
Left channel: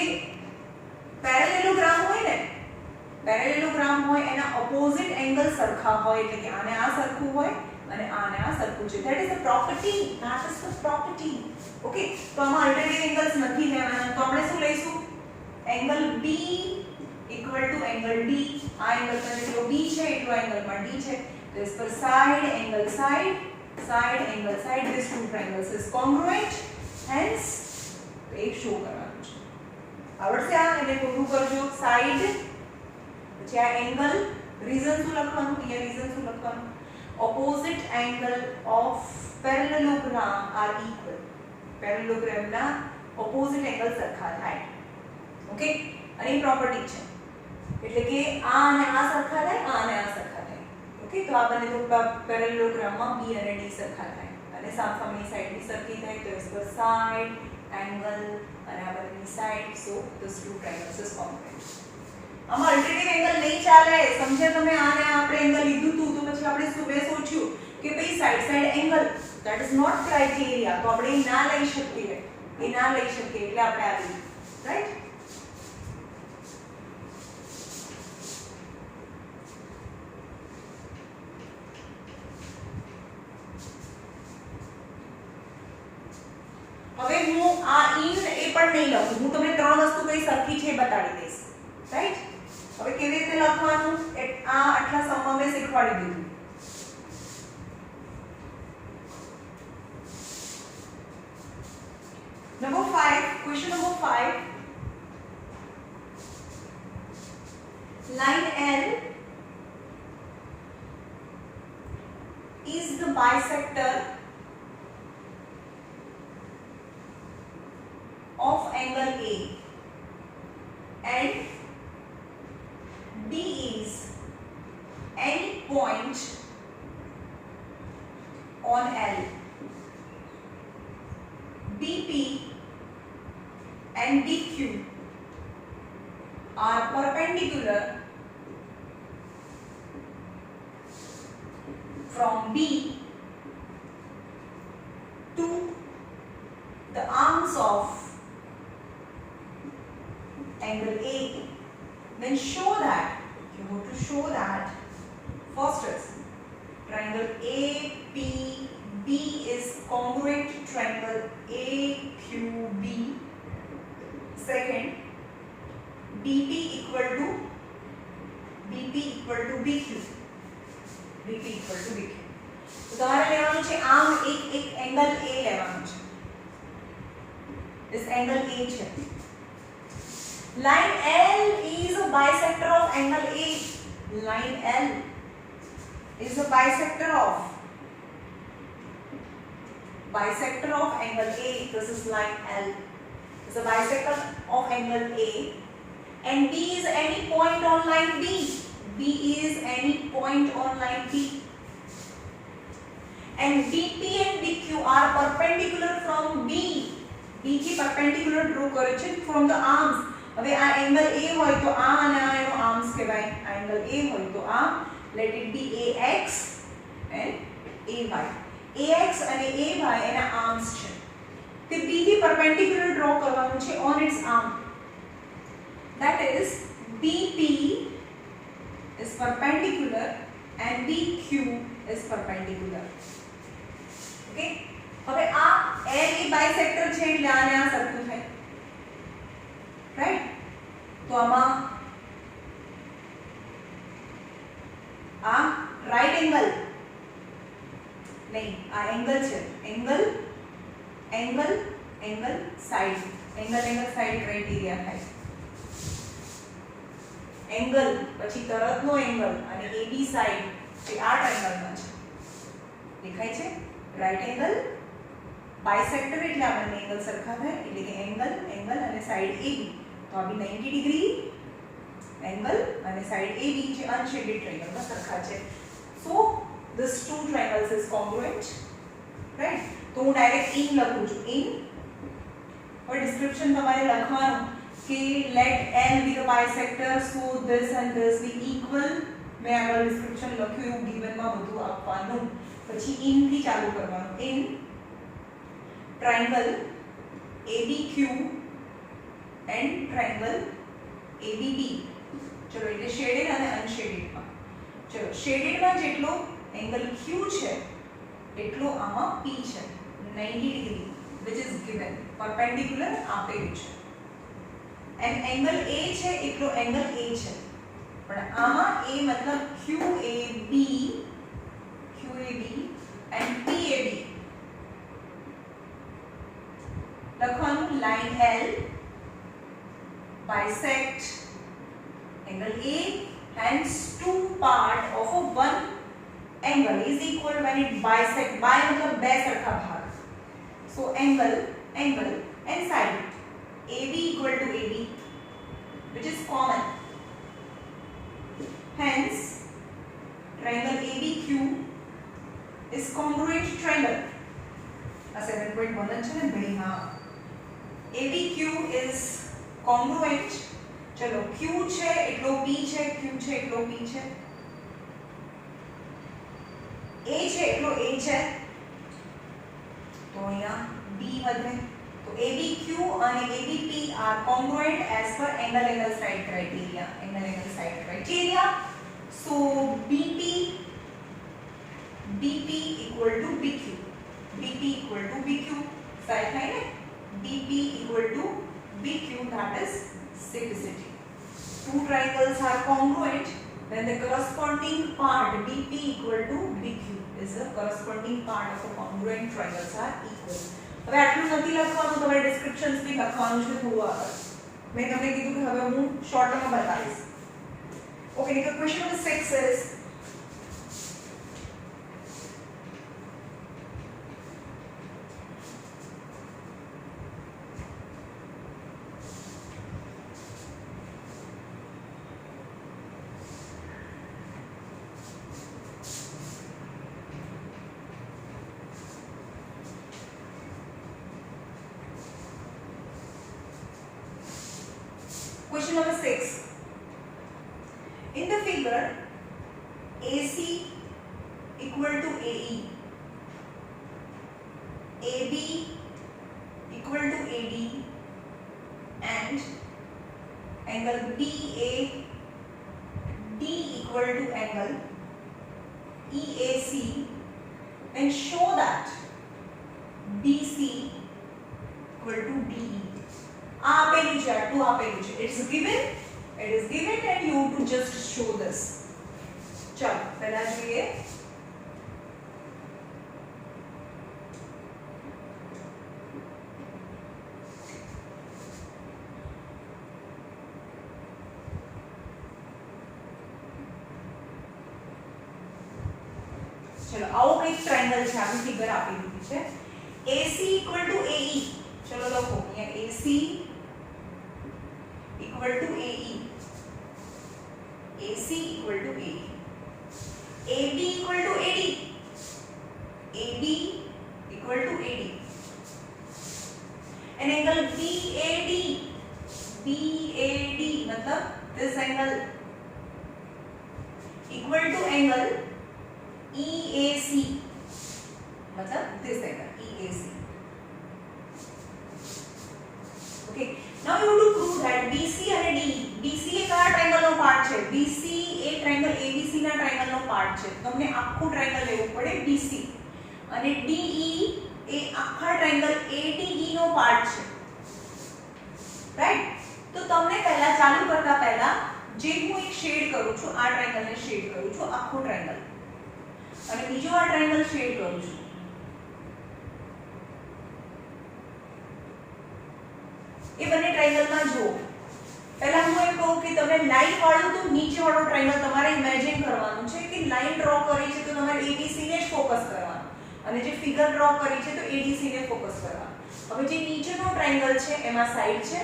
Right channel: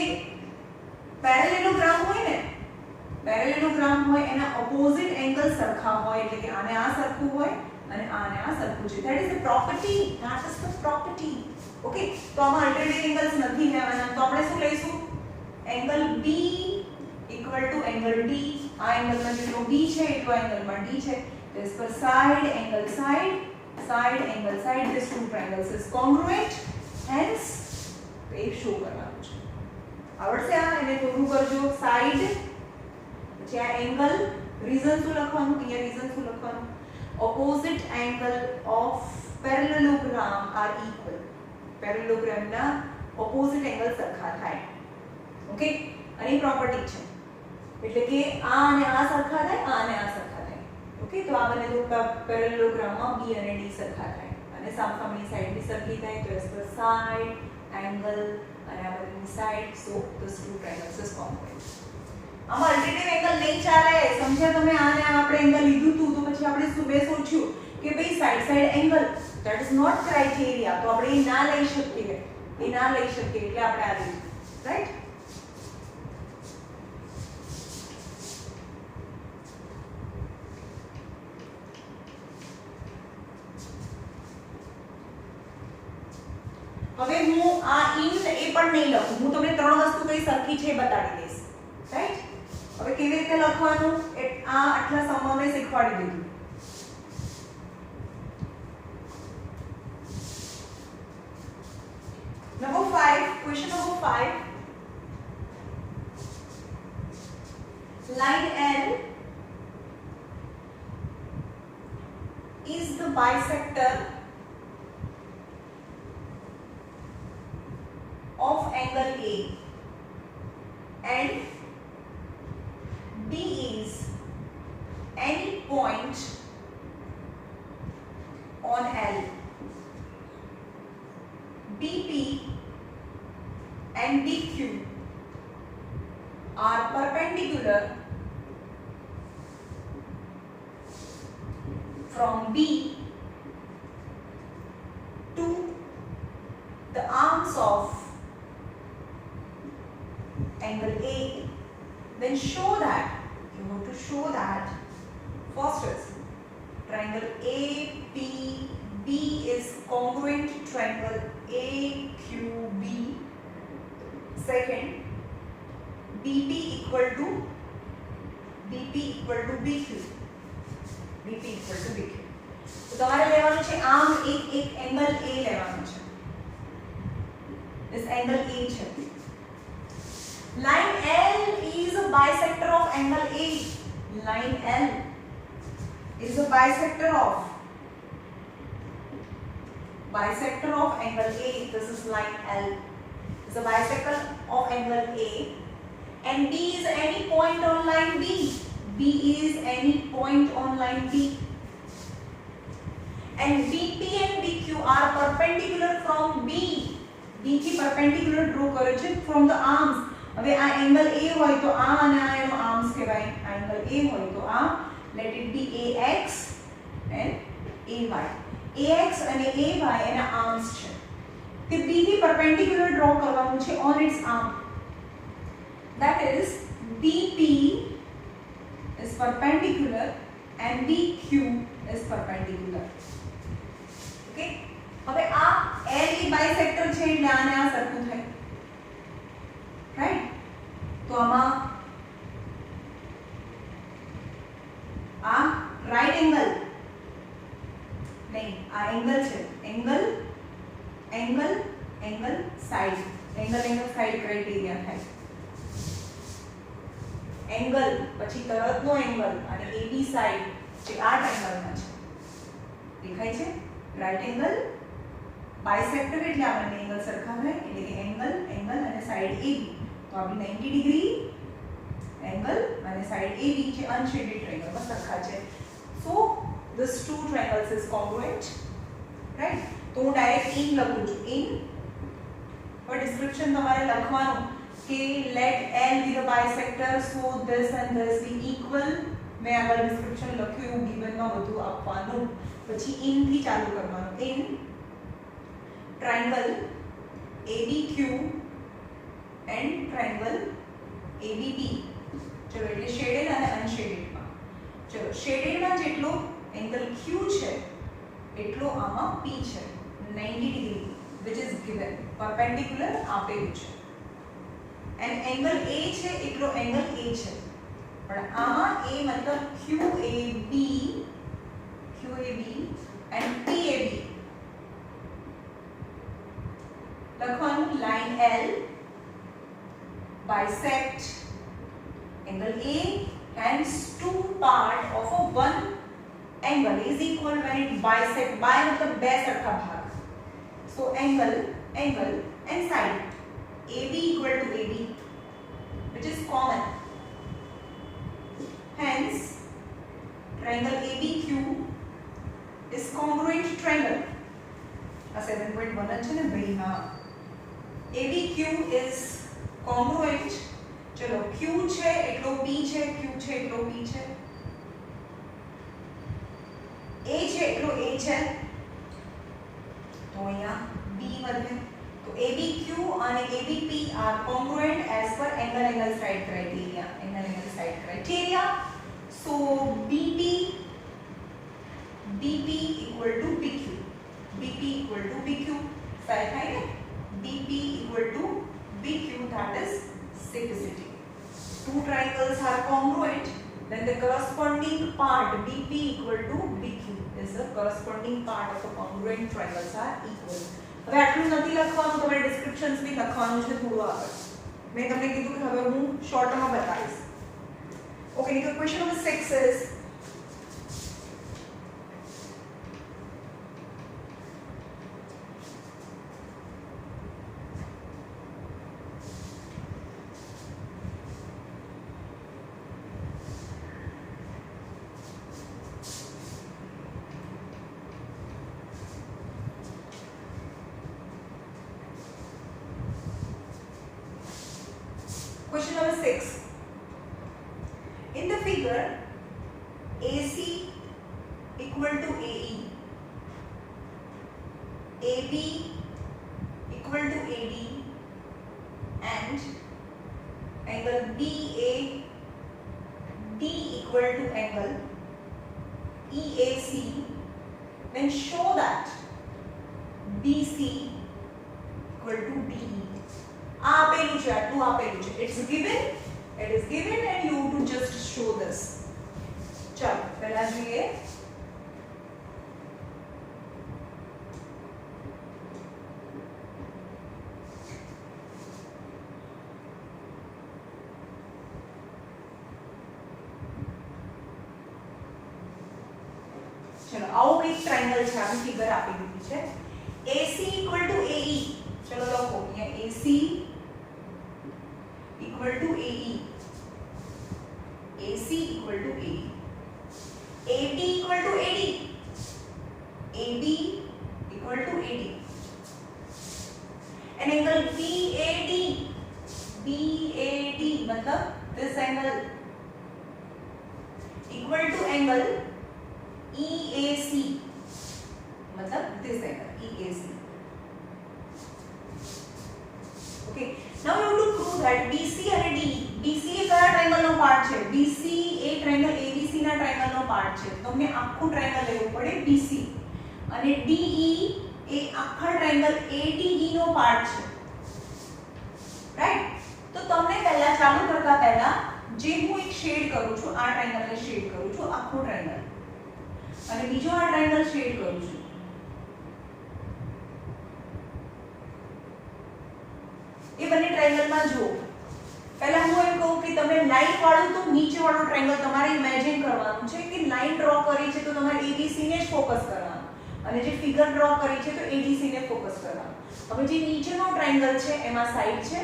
પેરેલેલોગ્રામ હોય એના ઓપોઝિટ એંગલ સરખા હોય એટલે કે આને આ સરખું હોય અને આને આ સરખું છે that is the property that is the property okay તો આમાં અલ્ટરનેટિવ એંગલ્સ નથી લેવાના તો આપણે શું લઈશું angle B equal to angle D આ એંગલમાં જેટલો B છે એટલો એંગલમાં D છે this per side angle side these two triangles is congruent hence એક શો કરવાનું છે આવડશે આ એને પૂરું કરજો સાઈડ પછી આ એંગલ રીઝન શું લખવાનું, અહીંયા રીઝન શું લખવાનું, opposite angle of parallelogram are equal, પેરેલેલોગ્રામના ઓપોઝિટ એંગલ સરખા થાય. ઓકે, અને એ પ્રોપર્ટી છે એટલે કે આ અને આ સરખા થાય, આ અને આ સરખા થાય. ઓકે, તો આ બંને તો પેરેલેલોગ્રામમાં બી અને ડી સરખા થાય અને સામસામેની સાઈડ બી સરખી થાય, તો ઇસ ધ સાઈડ એંગલ અને આ બંનેની side, so this two triangles is congruent. આમાં અલ્ટરનેટિવ એંગલ નહીં ચાલે, સમજ્યા તમે? આને આપણે એંગલ લીધું હતું તો પછી આપણે શું સોચ્યું કે ભાઈ side side angle that is not criteria, તો આપણે એ ના લઈ શકીએ, એ ના લઈ શકીએ એટલે આપણે આ લીધું, રાઈટ? હવે હું આ ઇન એ પણ નહીં લખું, હું તમને ત્રણ વસ્તુ કઈ સરખી છે એ બતાવી દઈશ, રાઈટ? હવે કેવી રીતે લખવાનું આ આટલા સમમાં મેં શીખવાડી દીધું. Number 5, question number 5. Line L is the bisector of angle A and D is any point on L. BP and DQ are perpendicular from B to the arms of angle A. Then show that, you have to show that first is triangle APB is congruent to triangle AQB. Second, BP equal to BQ. BP equal to BQ. તો તમારે લેવાનું છે આમ એક angle A લેવાનું છે. This angle A છે. Line L is a bisector of angle A. Line L is a bisector of angle A. This is line L. Is a bisector of angle A, and D is any point on line B. B is any point on line B. And BP and DQ are perpendicular from B. B થી perpendicular draw કરે છે from the arms. હવે આ angle A હોય તો આ અને આ એનો આર્મ્સ કહેવાય. આ એંગલ A હોય તો આ let it be AX and AY. AX અને AY એના આર્મ્સ છે. તે B થી perpendicular draw કરવાનું છે on its arm. That is BP is perpendicular and BQ is perpendicular. Okay? હવે આ L એ બાયસેક્ટર છે એટલે આને આ સરખું થાય. રાઈટ? તો આમાં આ રાઈટ એંગલ નહીં, આ એંગલ છે. Angle side, angle side criteria થાય. એંગલ પછી તરતનો એંગલ અને AB સાઈડ જે આ ટ્રાયંગલમાં છે દેખાય છે. રાઈટ એંગલ બાયસેક્ટર એટલે આ બંને એંગલ સરખા થાય એટલે કે એંગલ અને સાઈડ AB. તો આ બી 90 ડિગ્રી એંગલ અને સાઈડ AB છે અનશેડેડ ટ્રાયંગલમાં સરખા છે. સો this two triangles is congruent. Right? તો હું ડાયરેક્ટ ઇન લખું છું. ઇન પર ડિસ્ક્રિપ્શન તમારે લખવાનું કે let L be the bisector so this and this be equal. મેં આગળ ડિસ્ક્રિપ્શન લખ્યું એવું ગિવનમાં બધું આપવાનું. પછી ઇન થી ચાલુ કરવાનું. In triangle ABQ and triangle ABB. ચલો એટલે શેડેડ અને અનશેડેડમાં. ચલો શેડેડમાં જેટલો એંગલ Q છે એટલો આમાં P છે 90 degree which is given perpendicular આપેલું છે. and એંગલ A છે એટલો એંગલ A છે પણ આમાં A મતલબ QAB and PAB લખવાનું. line L bisect angle A hence two part of a one angle is equal when it bisect. By मतलब બે સરખા ભાગ. So angle and side AB equal to AB, which is common. Hence triangle ABQ is congruent triangle. A 7.1 છે ને ભાઈ, હા. ABQ is congruent. ચલો Q છે એટલો B છે, Q છે એટલો B છે, A છે એટલો A છે, તો અહીંયા B વધે. તો ABQ અને ABP are congruent as per angle side criteria. So BP equal to BQ. Side થાય ને, BP equal to BQ, that is simplicity. Two triangles are congruent when the corresponding part BP equal to BQ is the corresponding part of the congruent triangles are equal. હવે આટલું નથી લખવાનું, તમારે ડિસ્ક્રિપ્શન્સ બી લખવાનું છે થોડું આગળ. મેં તમને કીધું કે હવે હું શોર્ટમાં બતાવીશ. ઓકે, તો question number 6 is question number 6. In the figure, AC equal to AE, AB equal to AD, and angle BAD equal to angle EAC, then show that BC equal to DE. આપેલું છે, આટલું આપેલું છે. It is given and you to just show this. ચલો પહેલા જોઈએ. ચલો આવું કંઈક ટ્રાયેંગલ છે, આપણે ફિગર આપી દીધી છે. AC equal to AE. ચલો લખો અહીંયા AC equal to AE, AC equal to AE, AB equal to AD, AB equal to AD, and angle BAD मतलब this angle equal to angle EAC मतलब this angle EAC. Okay, now you have to prove that BC અને DE. BC એ કયા ટ્રાયેંગલ નો પાર્ટ છે? BC એ triangle ABC ના ટ્રાયેંગલ નો પાર્ટ છે. તમને આખું ટ્રાયેંગલ લેવું પડે BC, અને DE એ આખા ટ્રાયેંગલ ADE નો પાર્ટ છે. રાઈટ? તો તમને પહેલા ચાલુ કરતા પહેલા જે હું એક શેડ કરું છું, આ ટ્રાયેંગલને શેડ કરું છું, આખું ટ્રાયેંગલ, અને બીજો આ ટ્રાયેંગલ શેડ કરું છું. એ બંને ટ્રાયેંગલમાં જુઓ. પહેલા હું એમ કહું કે તમે લાઈન વાળું તો નીચે વાળું ટ્રાયેંગલ તમારે ઇમેજિન કરવાનું છે કે લાઈન ડ્રો કરી છે તો તમારે ABC ને જ ફોકસ કરવાનું, અને જે ફિગર ડ્રો કરી છે તો ADC ને ફોકસ કરવાનું. હવે જે નીચેનો ટ્રાયેંગલ છે એમાં સાઈડ છે,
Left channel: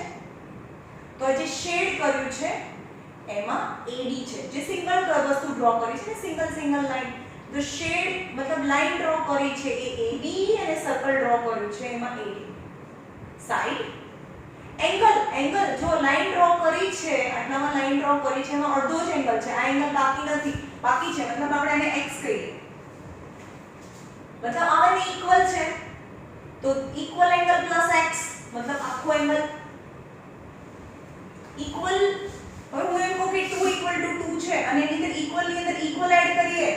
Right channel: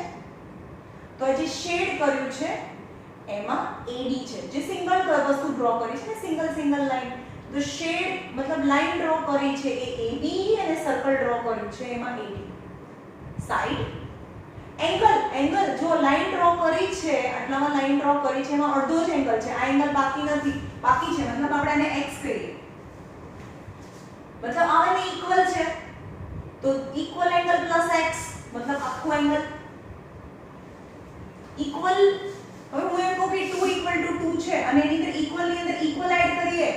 તો જે શેડ કર્યું છે એમાં AD છે. જે સિંગલ વસ્તુ ડ્રો કરી છે, સિંગલ લાઈન, તો શેડ મતલબ લાઈન ડ્રો કરી છે એ AB, અને સર્કલ ડ્રો કર્યું છે એમાં AD. સાઈડ એંગલ જો લાઈન ડ્રો કરી છે, આટલામાં લાઈન ડ્રો કરી છે, એમાં અડધો જ એંગલ છે, આ એંગલ બાકી નથી, બાકી છે મતલબ આપણે એને x કહીએ, મતલબ આ બંને ઇક્વલ છે, તો ઇક્વલ એંગલ પ્લસ x મતલબ આખું એંગલ ઇક્વલ. હવે હું એમ કહું કે 2 equal to 2 છે અને એની અંદર ઇક્વલ ની અંદર ઇક્વલ એડ કરીએ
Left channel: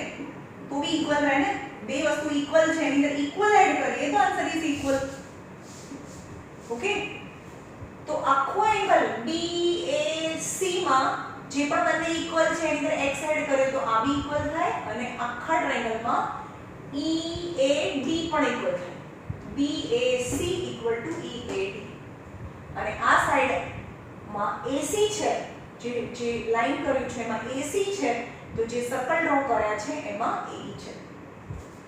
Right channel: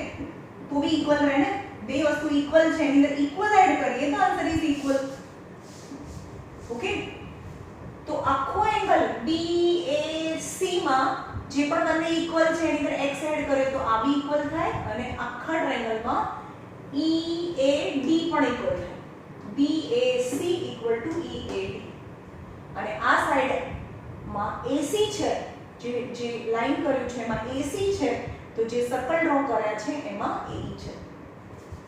તો બી ઇક્વલ રહે ને. બે વસ્તુ ઇક્વલ છે એની અંદર ઇક્વલ એડ કરીએ તો આન્સર ઇઝ ઇક્વલ. ઓકે, તો આખો એંગલ BAC માં જે પણ બંને ઇક્વલ છે એની અંદર x એડ કરીએ તો આ બી ઇક્વલ થાય, અને આખા ટ્રાયેંગલમાં EAD પણ ઇક્વલ થાય. BAC equal to EAD, અને આ સાઈડ માં AC છે, જે લાઈન કર્યું છે એમાં AC છે, તો જે સર્કલ ડ્રો કર્યા છે એમાં AE છે.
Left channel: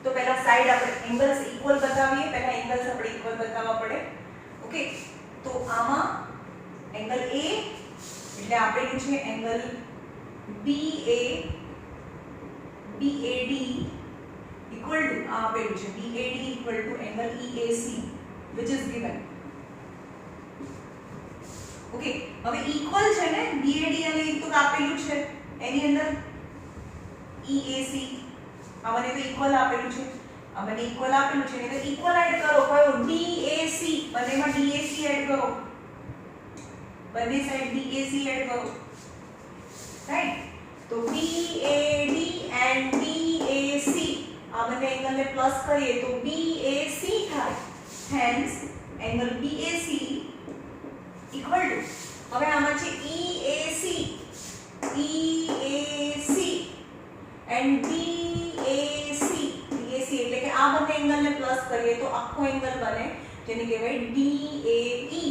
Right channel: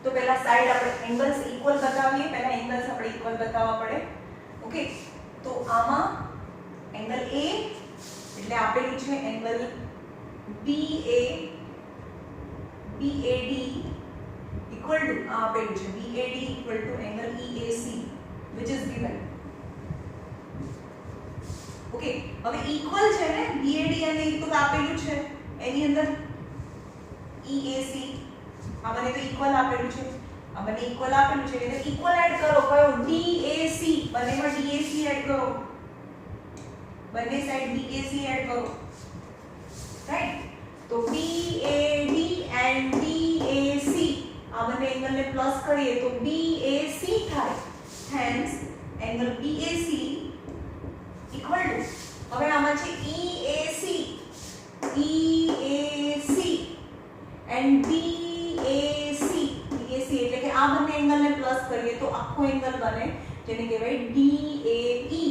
તો પહેલા સાઈડ આપણે એંગલ્સ ઇક્વલ બતાવીએ, પહેલા એંગલ્સ આપણે ઇક્વલ બતાવવા પડે. ઓકે, તો આમાં એંગલ A એટલે આપેલું છે angle BA BAD equal to આ આપેલું છે BAD equal to angle EAC which is given. Okay, હવે ઇક્વલ છે ને BAD અને એ તો આપેલું છે એની અંદર EAC આ મને તો ઇક્વલ આપેલું છે, આ મને ઇક્વલ આપેલું છે એટલે ઇક્વલ એડ કરો. કયો? DAC, બંનેમાં DAC એડ કરો, બંને સાઈડ DAC એડ કરો, રાઈટ? તો BAD and DAC આ બંને એંગલને પ્લસ કરીએ તો BAC થાય. Hence angle BAC equal to, હવે આમાં છે EAC and DAC એટલે કે આ બંને એંગલને પ્લસ કરીએ તો આખો એંગલ બને જેને કહેવાય DAE,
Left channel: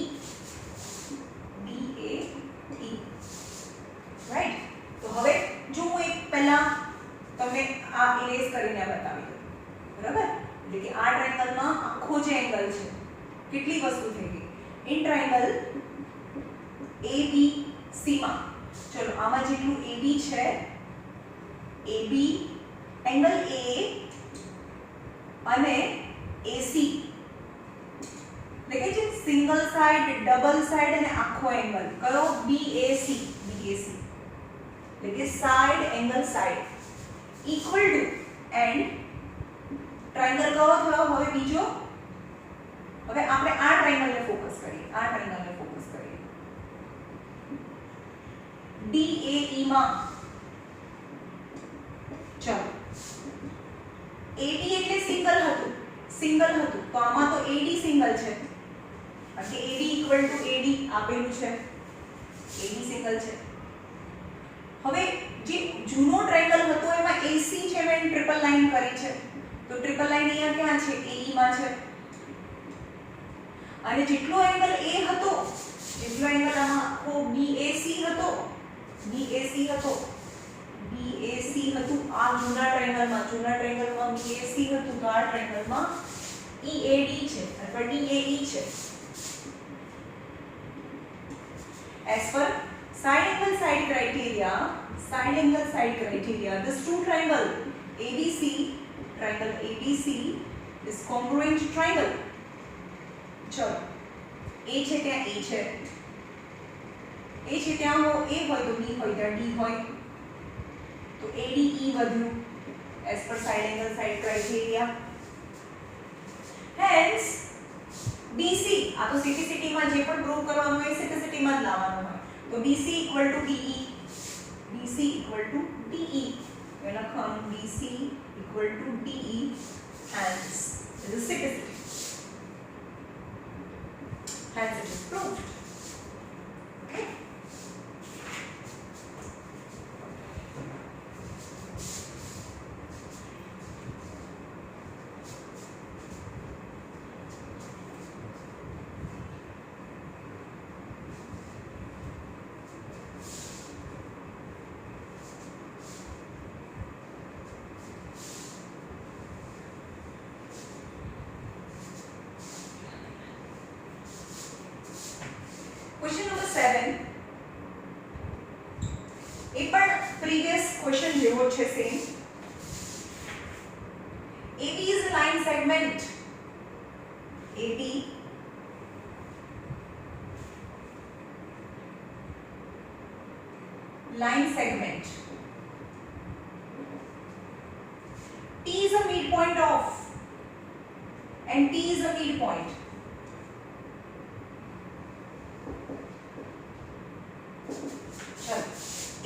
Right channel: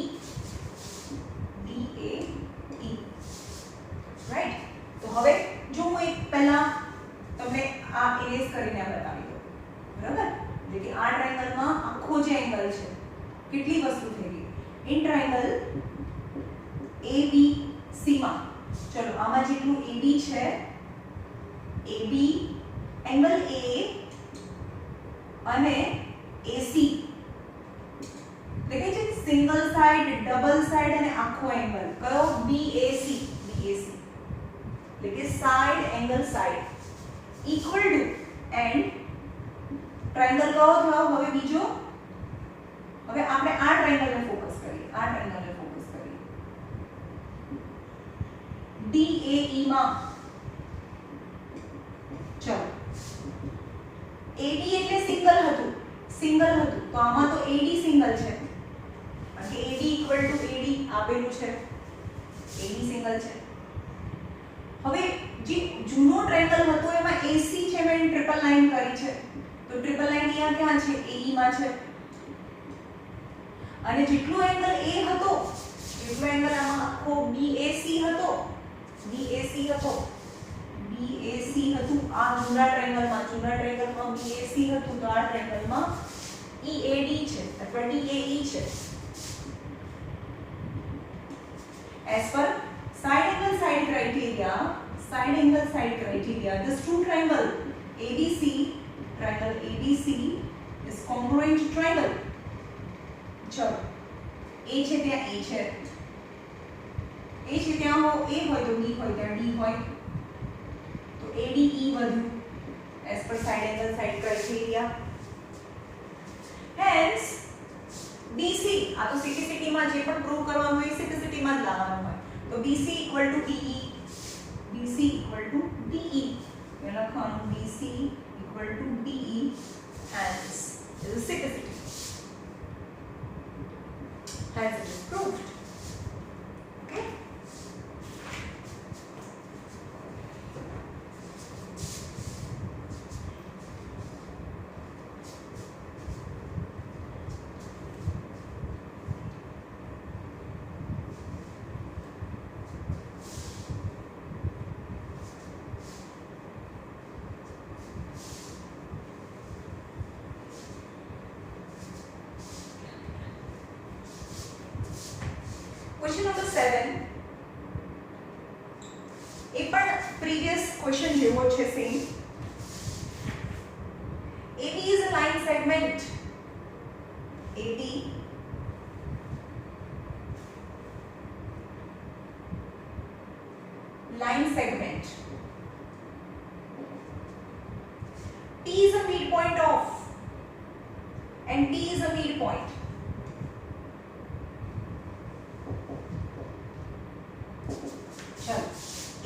રાઈટ? તો હવે જો હું એક પહેલા તમને આ ઇરેઝ કરીને બતાવી દઉં, બરાબર? એટલે કે આ ટ્રાયેંગલમાં આખો જે એંગલ છે કેટલી વસ્તુ થઈ ગઈ ઇન ટ્રાયેંગલ ABC માં. ચલો આમાં જેટલું AB છે, AB એંગલ A અને AC એટલે કે સિંગલ સાઈડ, ડબલ સાઈડ અને આખો એંગલ કયો? BAC એટલે કે side angle side equal to and triangle કયો થયો હવે બીજો? હવે આપણે આ ટ્રાયેંગલને ફોકસ કરીએ, આ ટ્રાયેંગલને ફોકસ કરીએ. DAE માં ચલો AB એટલે સિંગલ હતું તો આમાં તો AD સિંગલ છે કારણ કે AB ઇક્વલ ટુ AD આપેલું છે, AD સિંગલ છે. હવે જે જૂનો ટ્રાયેંગલ હતો એમાં AC છે મેં ટ્રિપલ લાઈન કરી છે, તો ટ્રિપલ લાઈન અહીંયા ક્યાં છે? AE માં છે. અને જેટલો એંગલ A હતો, જેટલો એંગલ આમાં આખો BAC હતો આ જૂના ટ્રાયેંગલમાં BAC હતું, તો આ ટ્રાયેંગલમાં EAD છે અથવા DAE છે. As per side angle side criteria, this true triangle ABC is congruent triangle. ચલો A છે ત્યાં A છે, ત્યાં A હોય તો B હોય, ત્યાં D હોય, તો ADE વધ્યું as per side angle side criteria. Hence BC આ તો સિટીમાં જે પણ પ્રૂવ કરવાનું હોય સિટીમાં જ લાવવાનું હોય, તો BC equal to DE એ લખવાનું BC equal to DE. Hence it is city. Hence it is proved. Okay. Question number 7 એ પણ previous question જેવો છે same. AB is a line segment. AB line segment. T is a midpoint of and T is a midpoint.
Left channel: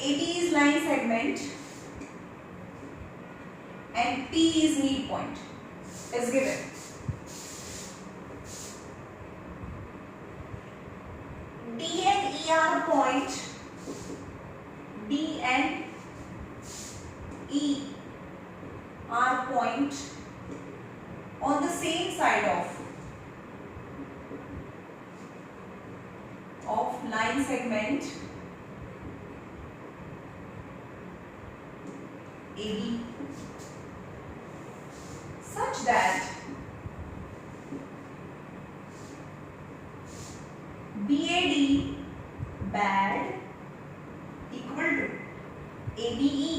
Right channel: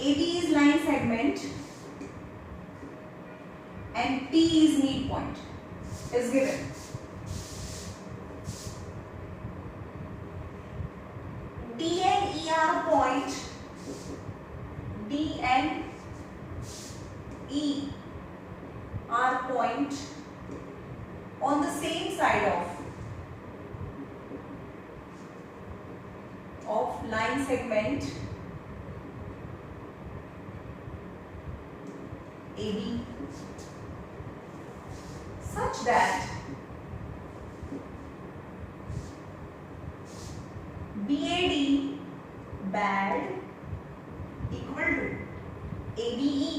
AB is line segment and P is midpoint is given. D and E are point. D and E are point on the same side of line segment AB such that BAD bad equal to ABE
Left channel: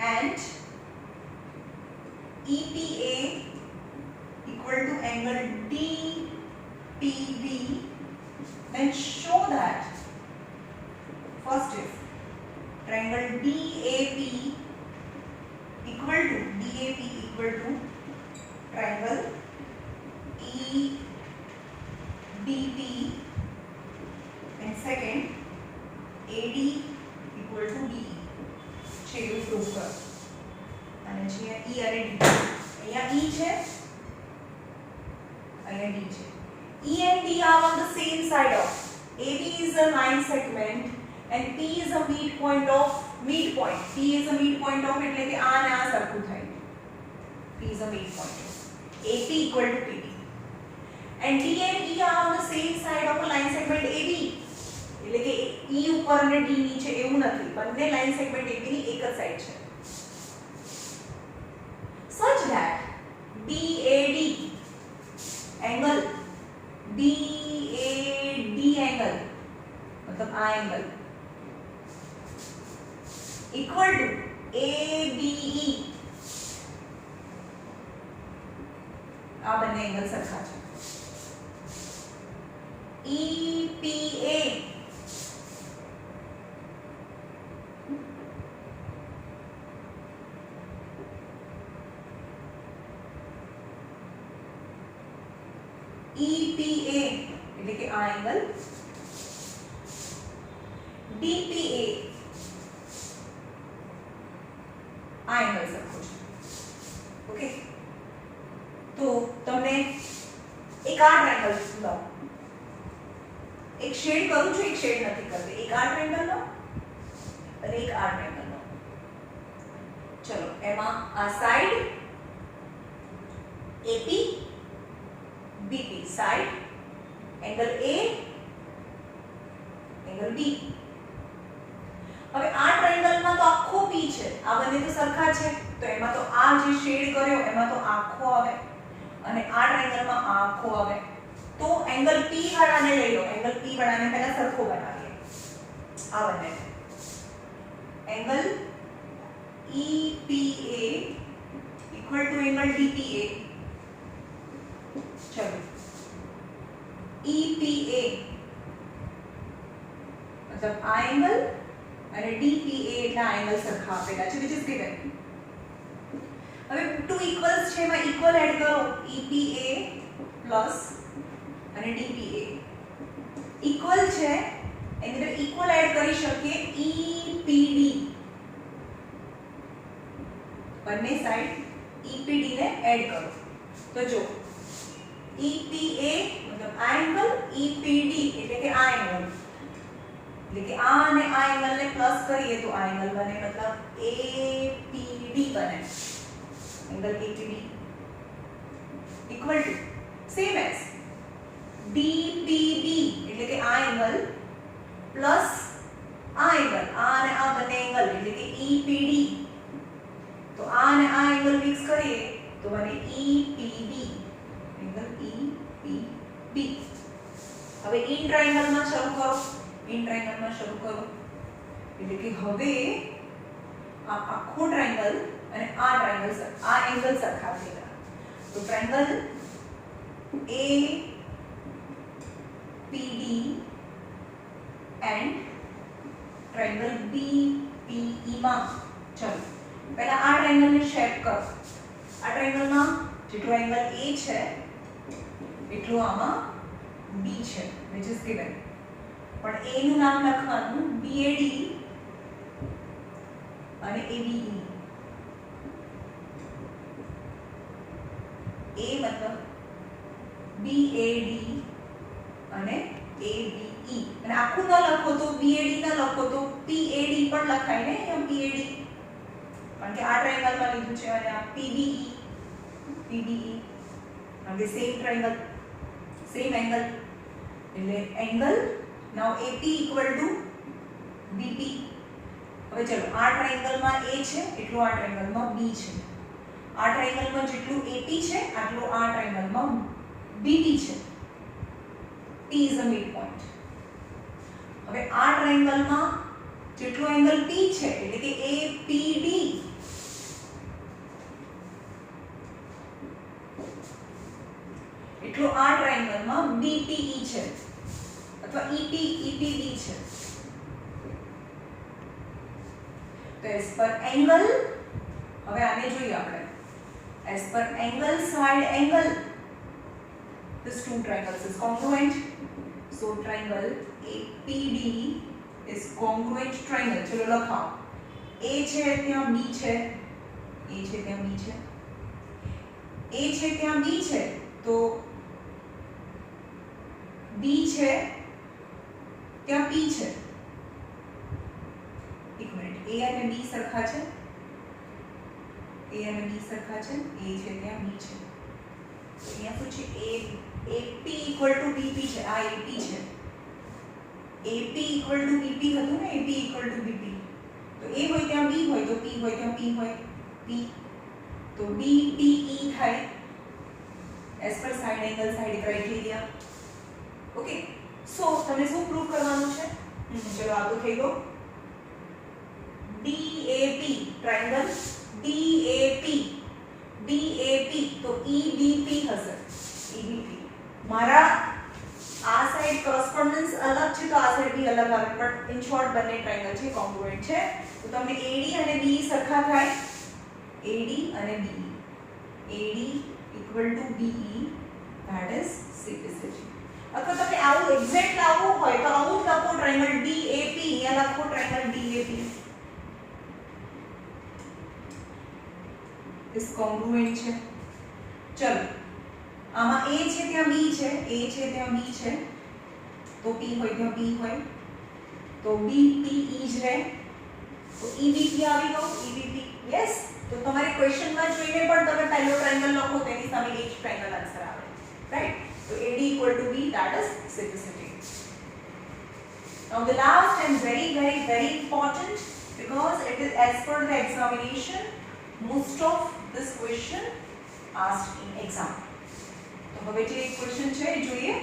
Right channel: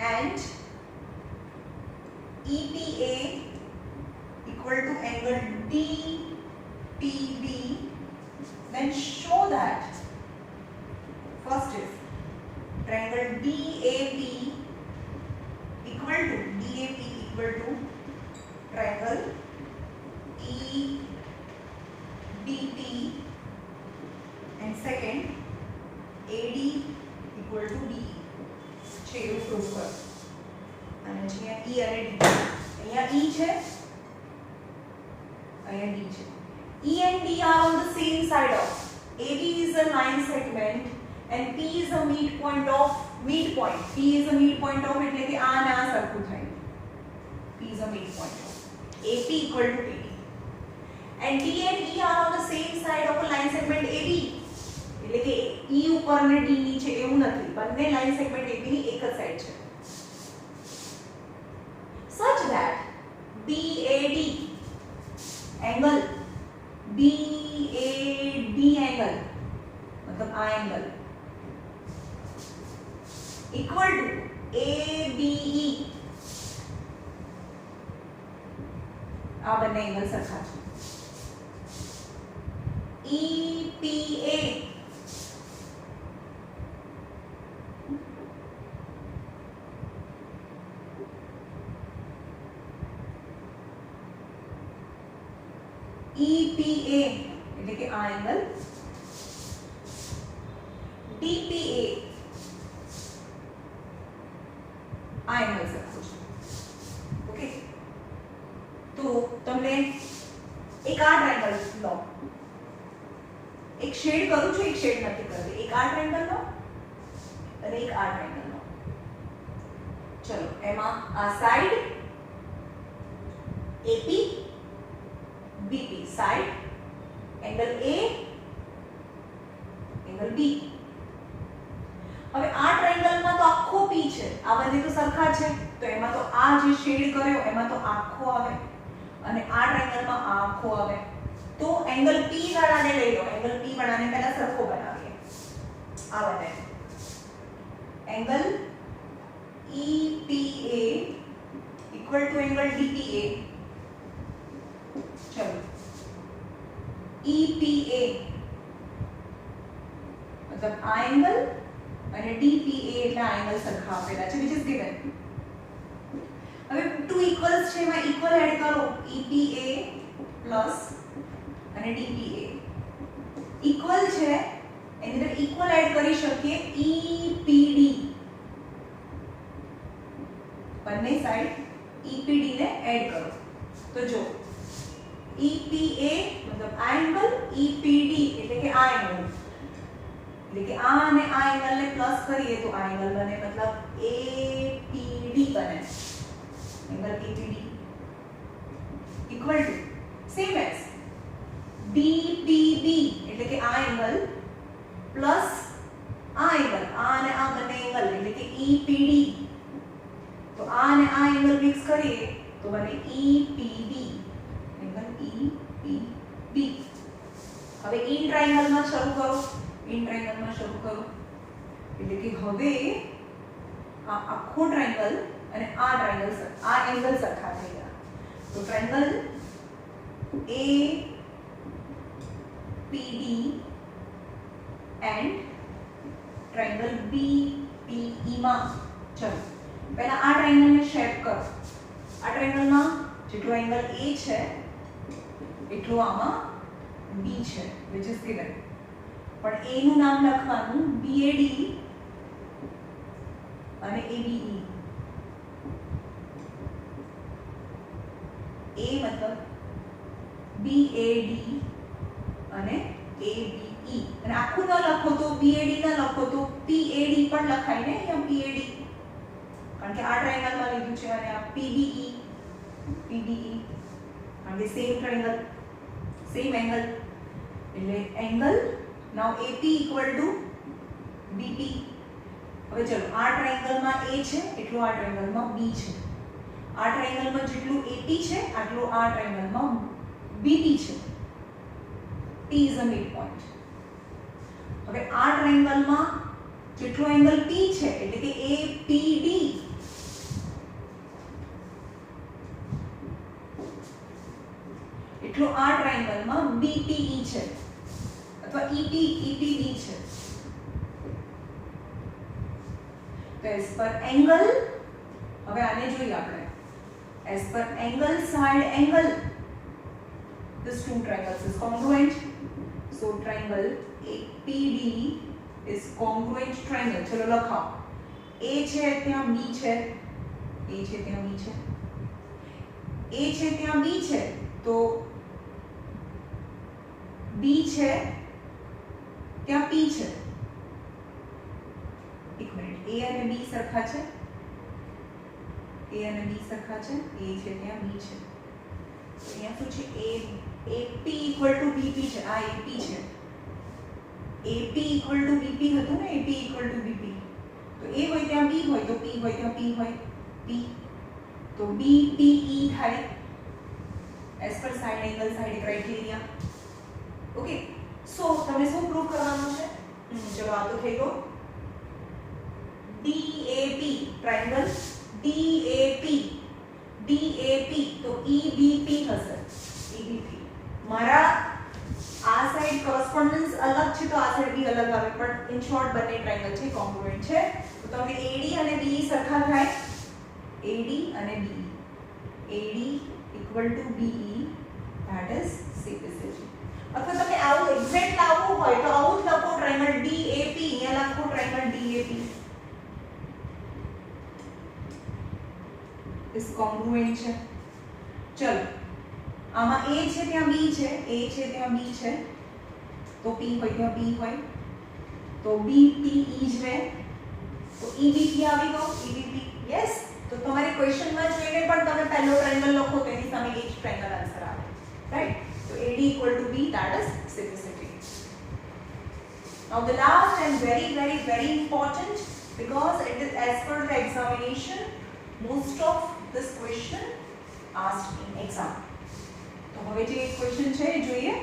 and EPA equal to angle DPB, then show that first if triangle DAP equal to triangle EDP and second AD equal to DE છે એવું પ્રૂવ કરો. અને છે E અને D, અહીંયા E છે, અહીંયા D છે. E and D are on the same side of AB is a line segment and P is a midpoint of midpoint. P is a midpoint of એટલે કે આ ને આ સરખું થાય. P is a midpoint of AP equal to PD. And D and E are on the same side of a line segment AB. એટલે કે E ઉપર અને D નીચે એવું નથી, બંને લાઈન સેગમેન્ટ AB ની એક જ સાઈડ છે. Such that BAD angle angle मतलब આ एंगल equal to ABE આ બંને એંગલ સરખા છે. EPA એટલે કે આ એંગલ, DPA આ એંગલ સરખો છે. ઓકે, તો તમને એક આ ટ્રાયેંગલ લો, એક શેડ કરું છું, એક શેડ નથી કરતી, એક આ ટ્રાયેંગલ લો અને એક આ ટ્રાયેંગલ લો. ચલો એમાં આ side AP BP side angle A angle B. હવે આ ટ્રાયેંગલમાં તો આખો P છે, આ બંને તો સરખા છે, તો એમાં તો આ જે શેડ કર્યો એમાં તો આખો આવે અને આ ટ્રાયેંગલમાં આખો આવે. તો એંગલ P વાળાને લઈ લો, એંગલ P વાળાને પહેલા સરખો બનાવીએ. આ બંને angle EPA equal to angle DPA. ચલો EPA मतलब આ એંગલ અને DPA એટલા એંગલ સરખા આપેલા છે, which is given. હવે ટુ ઇક્વલ્સ છે, એમાં ઇક્વલ એડ કરો, EPA પ્લસ અને DPA ઇક્વલ છે, એની અંદર ઇક્વલ એડ કરી શકીએ EPD, બંને સાઈડ EPD ને એડ કરો તો જો EPA मतलब આ એંગલ, EPD એટલે કે આ એંગલ, એટલે કે આ અને આ એંગલ ને પ્લસ કરીએ તો આ એંગલ બને, મતલબ APD બને. Angle APD equal to same as BPB એટલે કે આ એંગલ પ્લસ આ એંગલ, આ અને આ બંને એંગલ એટલે કે EPD. તો આ અને આ એંગલ મિક્સ કરીએ તો બને EPB એંગલ EPB. હવે ઇન ટ્રાયેંગલમાં શરૂ કરો, ઇન ટ્રાયેંગલમાં શરૂ કરો એટલે કે હવે આ આખો ટ્રાયેંગલ અને આ ટ્રાયેંગલ આ એંગલ સરખા થઈ ગયા. તો triangle APD and triangle BPE માં ચલો પહેલા આ ટ્રાયેંગલને શેપ કરો. આ ટ્રાયેંગલમાં જેટલો એંગલ A છે એટલું આમાં B છે, which is given. પણ A નું નામ લખવાનું BAD અને ABE. A मतलब BAD અને ABE, અને આખું ન લખો તો BAD ન લખો તો PAD પણ લખાય ને, એમ PAD, કારણ કે આ ટ્રાયેંગલમાં લીધું છે, અને આ PBE કારણ કે સેમ ટ્રાયેંગલ સેમ એંગલ એટલે એંગલ નાઉ AP equal to BP હવે ચલો આ ટ્રાયેંગલમાં A છે એટલું આ ટ્રાયેંગલમાં B છે, આ ટ્રાયેંગલમાં જેટલું AP છે આટલું આ ટ્રાયેંગલમાં BT છે. P is a midpoint. હવે આ ટ્રાયેંગલમાં જેટલું એંગલ P છે એટલે કે APD એટલું આ ટ્રાયેંગલમાં BPE છે અથવા EPD છે. તો એઝ પર એંગલ, હવે આને જોઈએ આપણે, as per angle side angle this two triangles is congruent, so triangle APD is congruent triangle. ચલો લખાઓ, A છે ત્યાં B છે, A છે ત્યાં B છે, A છે ત્યાં B છે તો B છે ત્યાં P છે. એક મિનિટ, A અને B સરખા છે, A અને B સરખા છે, A છે ત્યાં B છે, તો અહીંયા શું છે AP equal to BP છે, આ AP છે, AP equal to BP હતું ને, AP equal to BP, તો A હોય ત્યાં B હોય તો P હોય ત્યાં P હોય, P તો BPE થાય as per side angle side criteria. Okay, so તમને શું પ્રૂવ કરવાનું છે? ચલો આ તો થઈ ગયો. DAP ટ્રાયેંગલ DAP તો EBP હશે, EBP. મારા આ સાઈડ કોરસ્પોન્ડન્સ અલગ છે તો આ સાઈડ બી અલગ આવે, પણ ઇન શોર્ટ બંને ટ્રાયેંગલ છે કોંગ્રુએન્ટ છે. તો તમે AD અને BE સરખા થાય, AD અને BE, AD equal to BE, that is CPCG. અથવા તમે આવું એક્ઝેક્ટ લાવવું હોય તો આવું જ લખો ટ્રાયેંગલ DAP, અહીંયા લખો ટ્રાયેંગલ DAP is congruent છે. ચલો આમાં A છે ત્યાં B છે, A છે ત્યાં B છે તો P હોય ત્યાં P હોય તો BPE જ રહે, તો EBP આવી ગયો, EBP. યસ, તો તમારે ક્વેશ્ચનમાં જોઈને પણ તમે પહેલો ટ્રાયેંગલ લખો તો એની સામે એ જ ટ્રાયેંગલ આન્સર આવે, right? So AD equal to B, that is CPCG. Now the last and very important, because it is as per the examination, most of this question asked in exam. તો હવે જે ક્વેશ્ચન છે એ જોઈએ,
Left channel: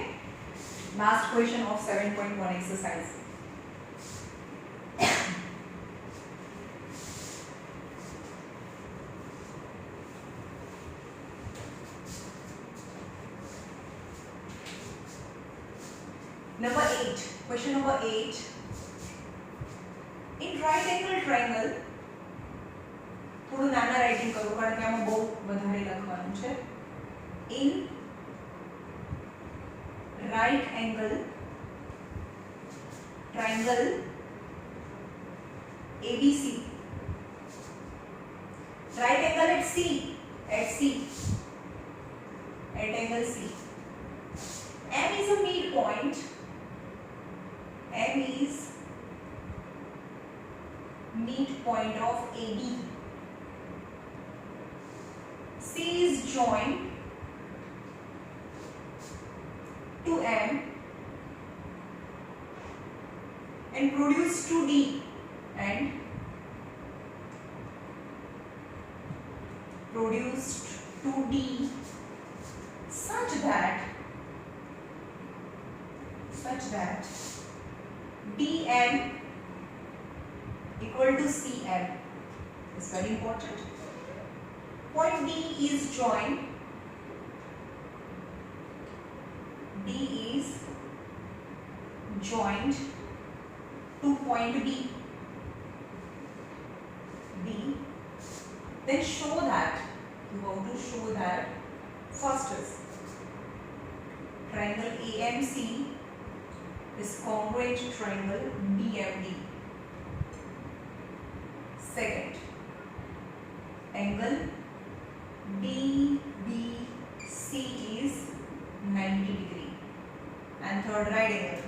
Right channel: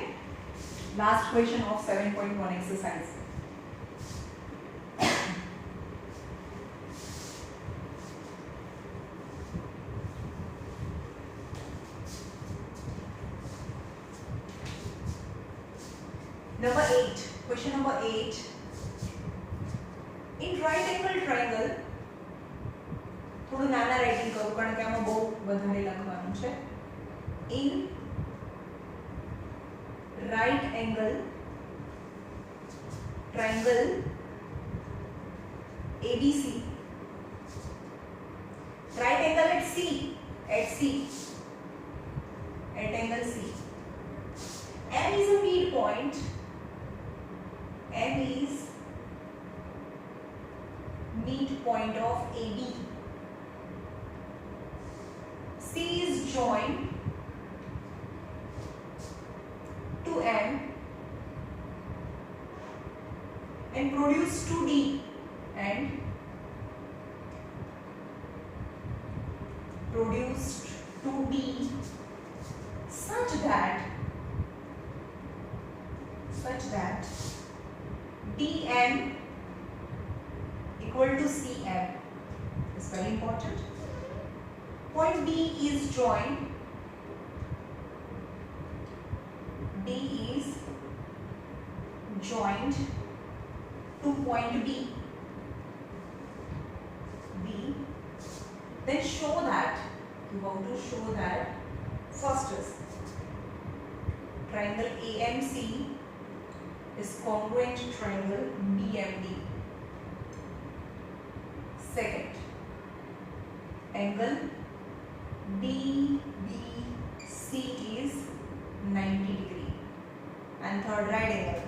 last question of 7.1 exercise. Number 8, question number 8. In right angle triangle, થોડું નાના રાઇટિંગ કરું કારણ કે આમાં બહુ વધારે લખવાનું છે. In right angle triangle ABC, right angle at C, at angle C, M is a midpoint, M is midpoint of AB, C is joined to M and produce to D, and produced to D such that DM equal to CM. It's very important. Point D is joined. D is joined to point B. Then show that, you have to show that first is triangle AMC is congruent to triangle BMD. Second, angle DBC is 90 degree. And third, right angle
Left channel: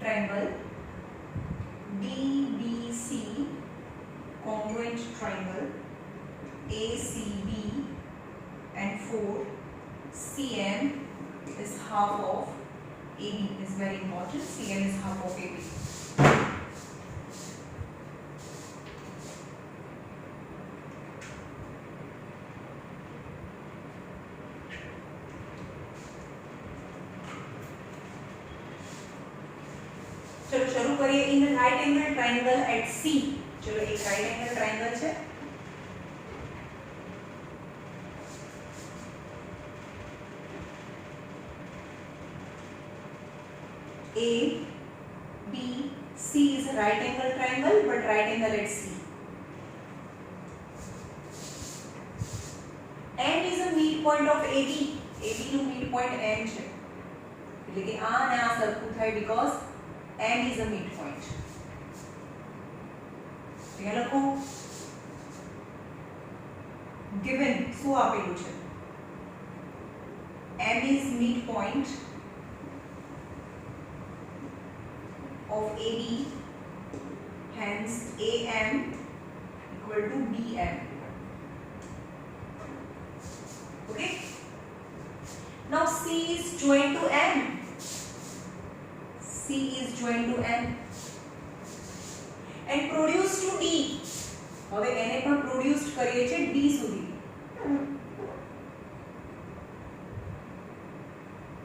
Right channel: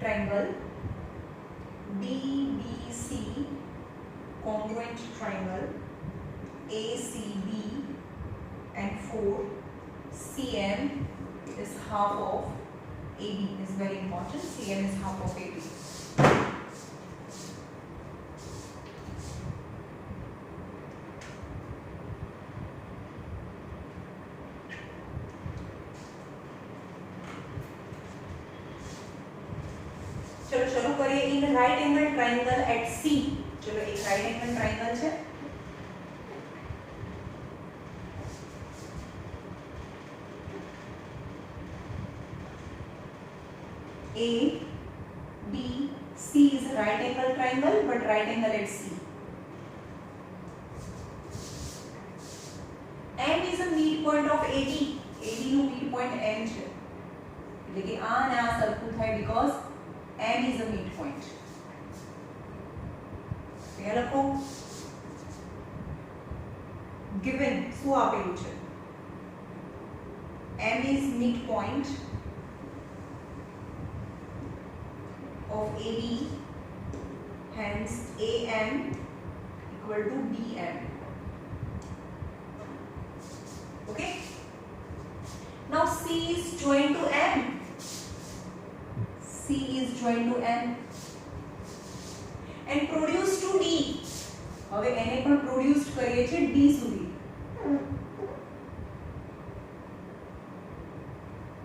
triangle DBC congruent triangle ACB, and 4, CM is half of AB. Is very important. CM is half of AB. શરૂ કરીએ in right angle triangle at C. ચલો એક right angle triangle છે A B C is a right angle triangle but right angle at C. M is a midpoint of AB. AB નું midpoint M છે એટલે કે આ અને આ સરખું થાય because M is a midpoint. અહીંયા લખો given શું આપેલું છે M is midpoint of AB, hence AM equal to BM. Okay. Now C is joined to M. C is joined to M and produced to D. હવે એને પણ produced કરીએ છે D સુધી.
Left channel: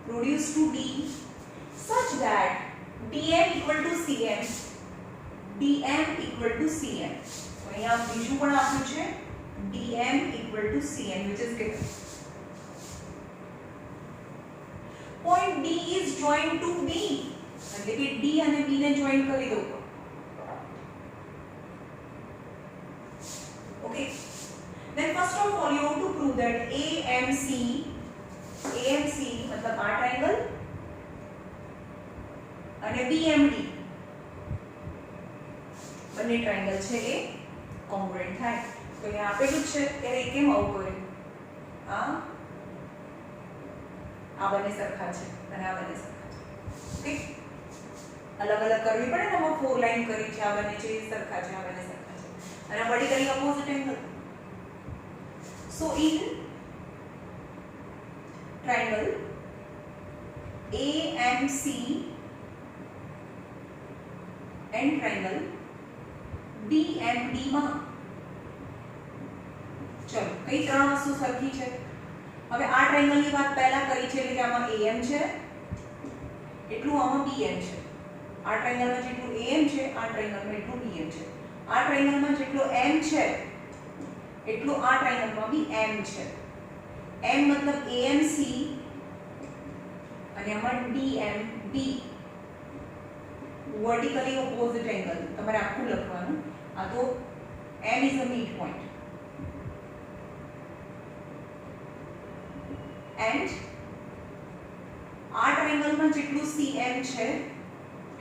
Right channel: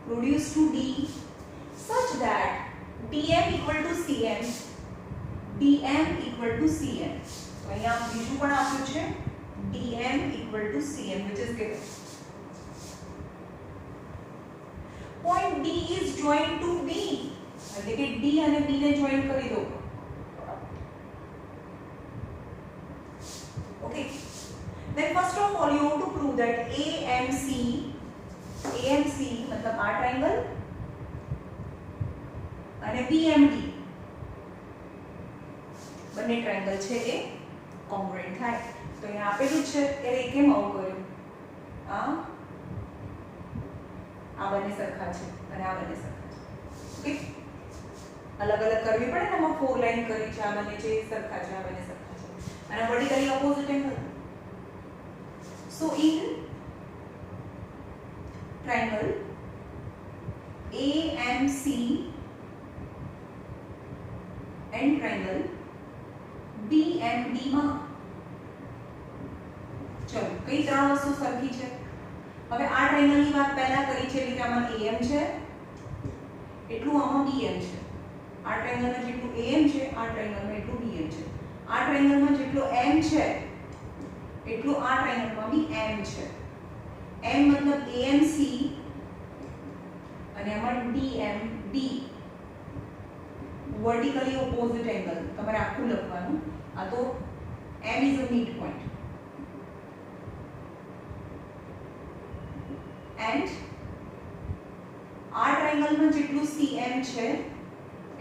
Produced to D such that dm equal to cm, dm equal to cm. તો અહીંયા બીજું પણ આપ્યું છે dm equal to cm which is given. Point D is joined to B. એટલે કે D અને B ને જોઈન કરી દો. Okay. Then first of all you have to prove that AMC मतलब આ triangle અને BMD બંને ટ્રાયંગલ છે એ કોંગ્રુએન્ટ થાય. તો અહીંયા આપેલું છે એટલે કેમ આવું કર્યું? આ બંને સરખા છે અને આ બંને સરખા છે. ઓકે, અલગ અલગ કરવી પડે ને. આમાં 4 લાઈન કરી છે, આ બંને છે સરખા છે, આ બંને સરખા છે અને આ vertically opposite angle. So in triangle AMC and triangle BMD માં ચલો કઈ ત્રણ વસ્તુ સરખી છે? હવે આ ટ્રાયંગલ ની વાત પહેલા કરી છે એટલે કે આમાં AM છે એટલું આમાં BM છે. આ ટ્રાયંગલમાં જેટલું AM છે આ ટ્રાયંગલમાં એટલું BM છે. આ ટ્રાયંગલમાં જેટલું M છે એટલું આ ટ્રાયંગલમાં બી M છે. M મતલબ AMC અને આમાં DMD vertically opposite angle. તમારે આખું લખવાનું. આ તો M is a midpoint and આ ટ્રાયંગલમાં જેટલું CM છે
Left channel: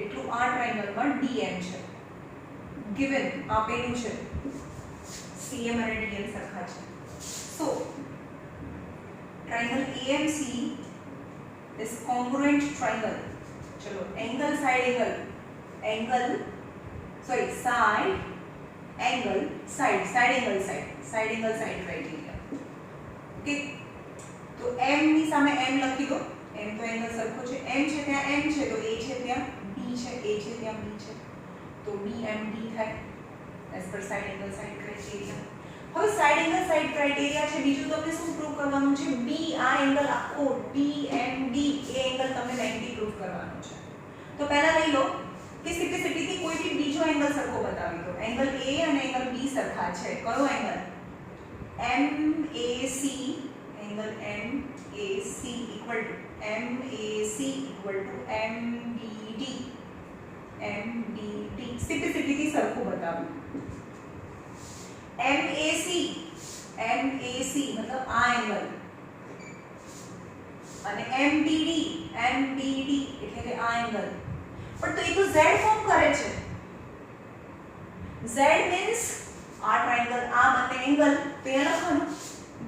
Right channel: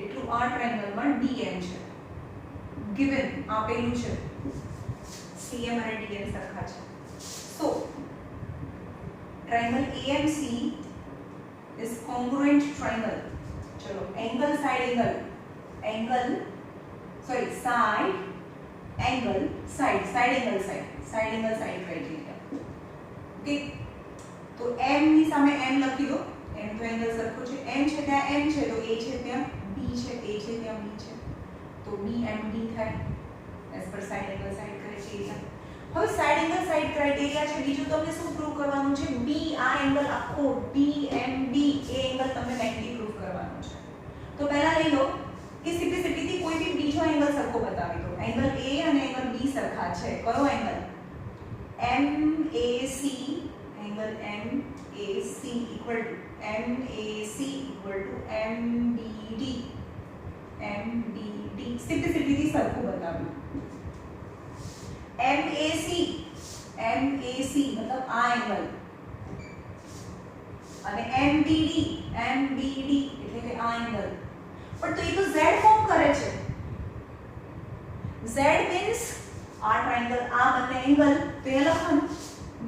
એટલું આ ટ્રાયંગલમાં DM છે. given આપેલું છે CM અને DM સરખા છે. so triangle AMC is congruent triangle. ચલો angle side angle side angle side criteria. Okay, તો m ની સામે m લખી દો. m તો એંગલ સરખો છે. m છે ત્યાં m છે તો a છે ત્યાં b છે, a છે ત્યાં b છે તો BMD થાય as per side angle side criteria. હવે સાઇડ એંગલ સાઇડ ક્રાઇટેરિયા છે. બીજું તમને શું પ્રૂવ કરવાનું છે? B આ એંગલ આખો DMD એ એંગલ તમને 90 પ્રૂવ કરવાનો છે. તો પહેલા લઈ લો કે સિમ્પ્લિસિટી થી કોઈ બી બીજો એંગલ સરખો બતાવી દો. એંગલ A અને એંગલ B સરખા છે. કયો angle? MAC angle MAC equal to MBD simplicity થી સરખું બતાવ્યું. MAC મતલબ આ એંગલ અને MBD એટલે કે આ એંગલ. પણ તો એ તો z ફોર્મ કરે છે. z મીન્સ આ ટ્રાયંગલ આ બંને એંગલ તો એ લખવાનું.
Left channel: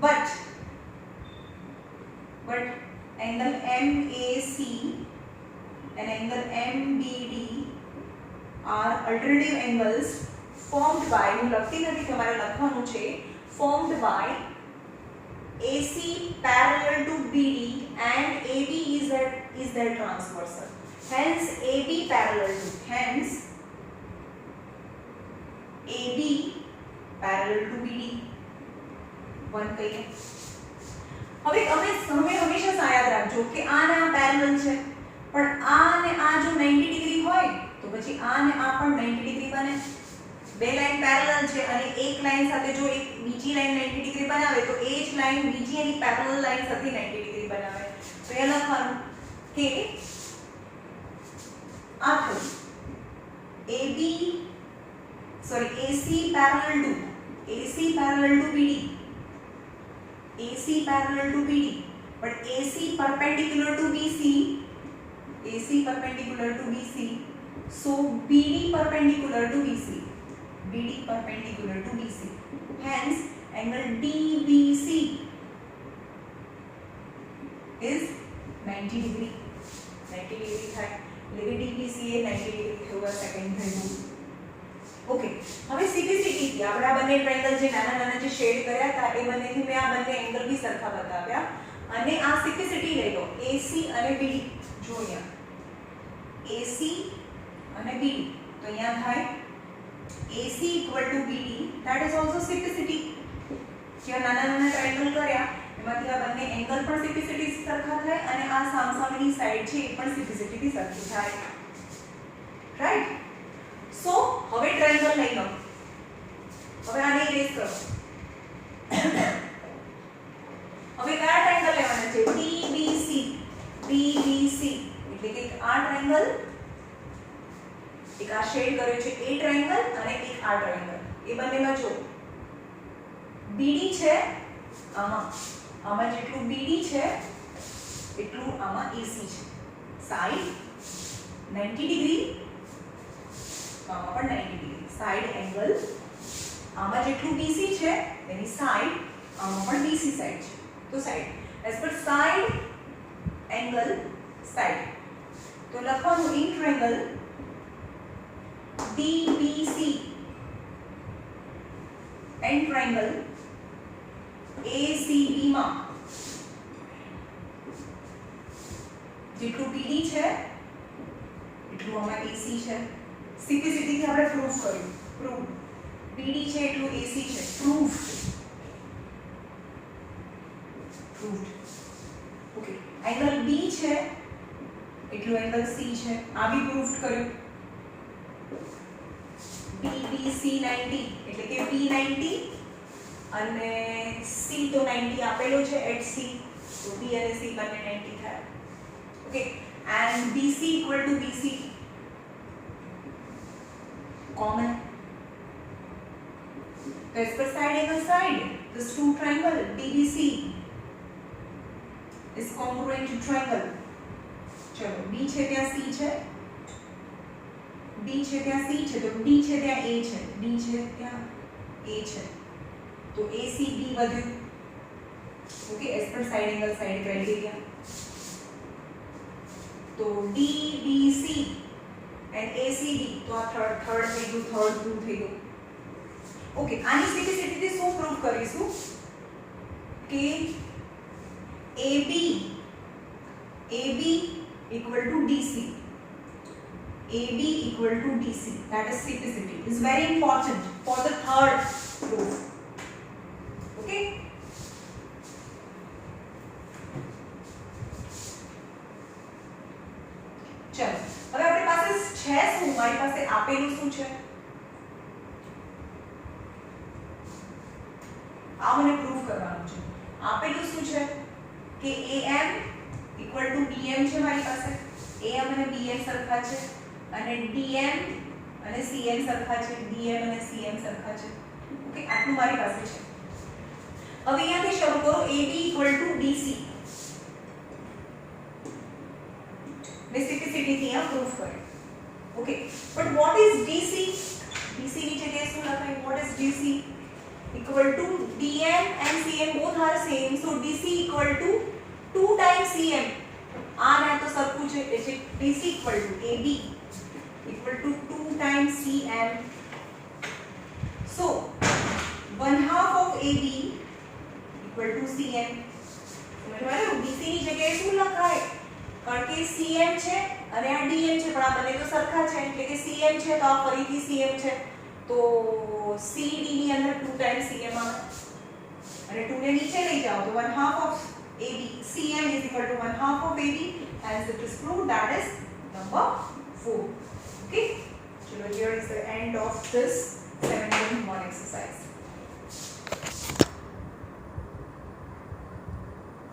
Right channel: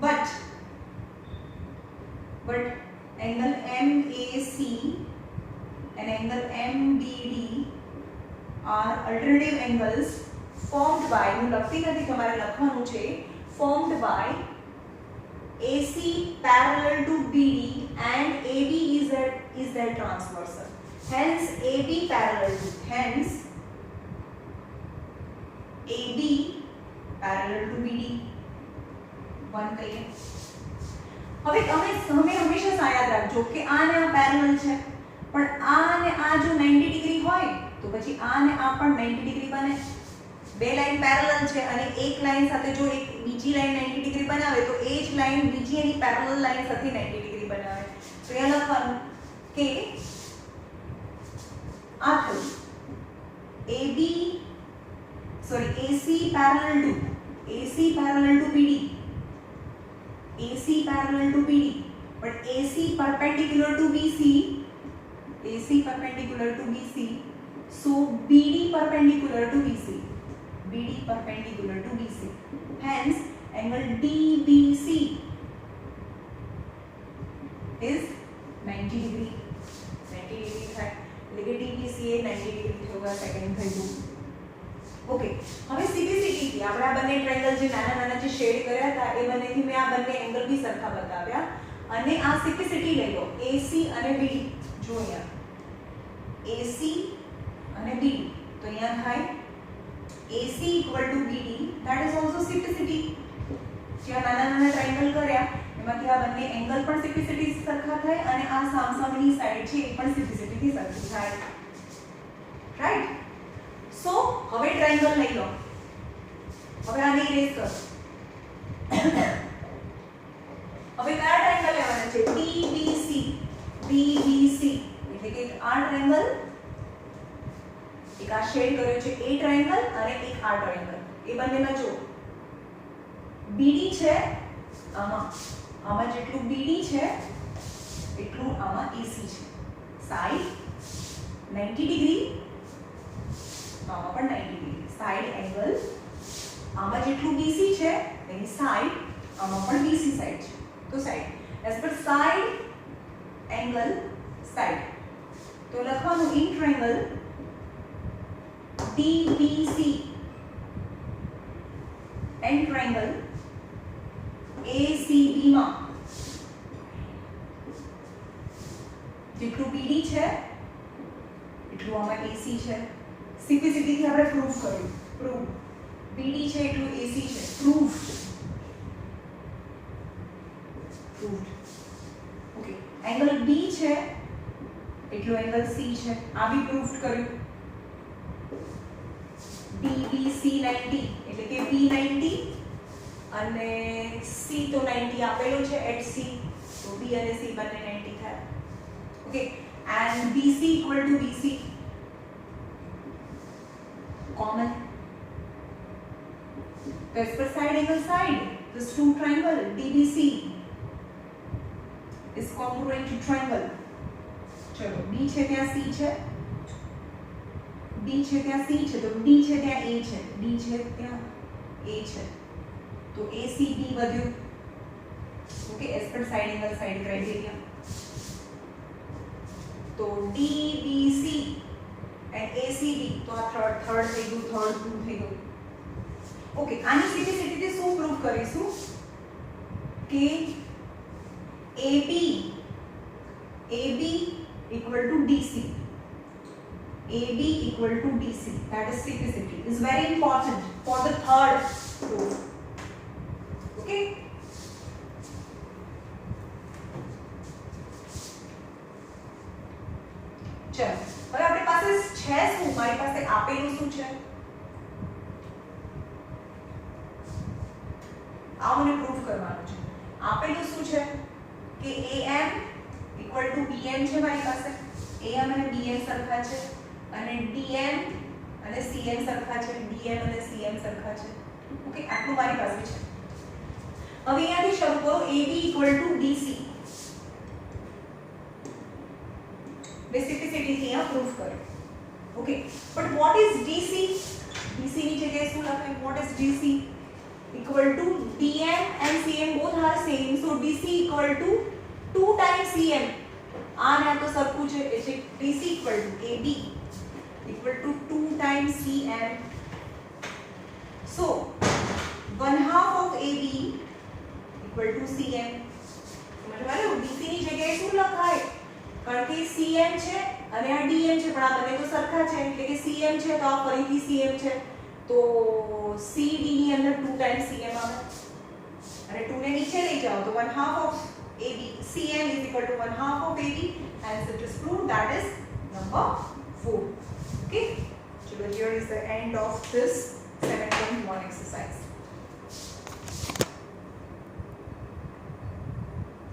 But angle MAC and angle MBD are alternative angles formed by, હું લખતી નથી તમારે લખવાનું છે, formed by AC parallel to BD and AB is their transversal. Hence AB parallel to BD. One કહીએ. હવે તમે હંમેશા યાદ રાખજો કે આ ને આ પેરેલલ છે પણ આ ને આ જો 90 ડિગ્રી હોય તો પછી આ અને આ પણ 90 ડિગ્રી બને. બે લાઈન પેરેલલ છે અને એક લાઈન સાથે જો એક બીજી લાઈન 90 ડિગ્રી બનાવે તો એ જ લાઈન બીજી એની પેરેલલ લાઈન સાથે 90 ડિગ્રી બનાવે. તો એ લખવાનું કે આ થયું AB AC parallel to BD. AC parallel to BD, but AC perpendicular to BC. So BD perpendicular to BC. Hence angle DBC is 90 degree. 90 degree થાય એટલે કે DBC એ 90 degree હોगा. સેકન્ડ થઈ ગયું. ઓકે, હવે સિમ્પ્લિસિટી થી આપણે આ બંને ટ્રાયેંગલ જે નાના નાના જે શેડ કર્યા હતા એ બંનેથી મેં આ બંને એંગલ બી સરખા બતાવ્યા અને આ સિમ્પ્લિસિટી લઈ લો AC અને BD. જો અહીંયા AC અને BD તો અહીંયા થાય AC equal to BD, that is also simplicity. જે નાના નાના ટ્રાયેંગલ કર્યા એમાંથી આ બંને એંગલ પણ સિમ્પ્લિસિટી સરખા થાય અને આ સામસામેની સાઈડ છે એ પણ સિમ્પ્લિસિટી થી સરખી થાય. રાઈટ? સો હવે ટ્રાયેંગલ લઈ લો. હવે આને ઇરેઝ કરો. હવે કયા ટ્રાયેંગલ લેવાના છે? DBC એટલે કે આ ટ્રાયેંગલ, એક આ શેડ કર્યો છે એ ટ્રાયેંગલ અને એક આ ટ્રાયેંગલ. એ બંનેમાં જો BD છે આમાં જેટલું BD છે એટલું આમાં AC છે. સાઈડ 90 ડિગ્રી, આમાં પણ 90 ડિગ્રી. સાઈડ એંગલ આમાં જેટલું BC છે એની સાઈડ આમાં પણ BC સાઈડ છે. તો side as per side angle side તો લખવાનું in triangle DBC and triangle ACB માં જેટલું BD છે એટલું આમાં AC છે. સિમ્પ્લિસિટી થી આપણે પ્રૂફ કર્યું. BD છે એટલું AC છે. પ્રૂફડ. ઓકે, એંગલ B છે એટલું એંગલ C છે. આ બી પ્રૂફ કર્યું. BBC 90 એટલે કે P 90 અને C તો 90 આપેલો છે at C, તો B અને C બંને 90 થાય. Okay, and BC equal to BC common. As per side angle side, this two triangle DBC is congruent to triangle. ચલો B છે ત્યાં C છે, B છે ત્યાં C છે તો D છે ત્યાં A છે, D છે ત્યાં A છે તો ACB વધ્યું. Okay, as per side angle side criteria તો DBC એન્ડ ACB તો આ થર્ડ થઈ ગયું, થર્ડ પ્રૂવ થઈ ગયું. ઓકે, આની સિમ્પ્લિસિટીથી શું પ્રૂવ કરીશું કે AB equal to DC. AB equal to DC. That is simplicity. Is very important for the third proof. Okay. ચલો હવે આપણી પાસે છે શું? મારી પાસે આપેલું શું છે? આ મને પ્રૂફ કરવાનું છે. આપેલું શું છે કે AM equal to BM છે મારી પાસે. AM અને BM સરખા છે અને DM અને CM સરખા છે, DM અને CM સરખા છે. ઓકે, આટલું મારી પાસે છે. હવે અહીંયાથી શરૂ કરો. AB equal to BC. બેસિસિટી થી આ પ્રૂફ કરો. Okay, but what is DC? DC ની જગ્યાએ શું લખાય? What is DC? equal to DM and CM both are same, so DC equal to 2 times CM. આ ને તો સરખું છે એટલે DC equal to AB equal to 2 times CM. So 1/2 of AB equal to CM. સમજવાયું? DC ની જગ્યાએ શું લખાય? કારણ કે CM છે અને આ DM છે પણ આ બંને તો સરખા છે એટલે કે CM છે તો આ ફરીથી CM છે તો CD ની અંદર 2 times CM આવે અને 2 ને નીચે લઈ જાઓ તો 1/2 of AB. CM is equal to 1/2 of AB and it is proved. That is number 4. Okay. is the end of this 7.1 exercise.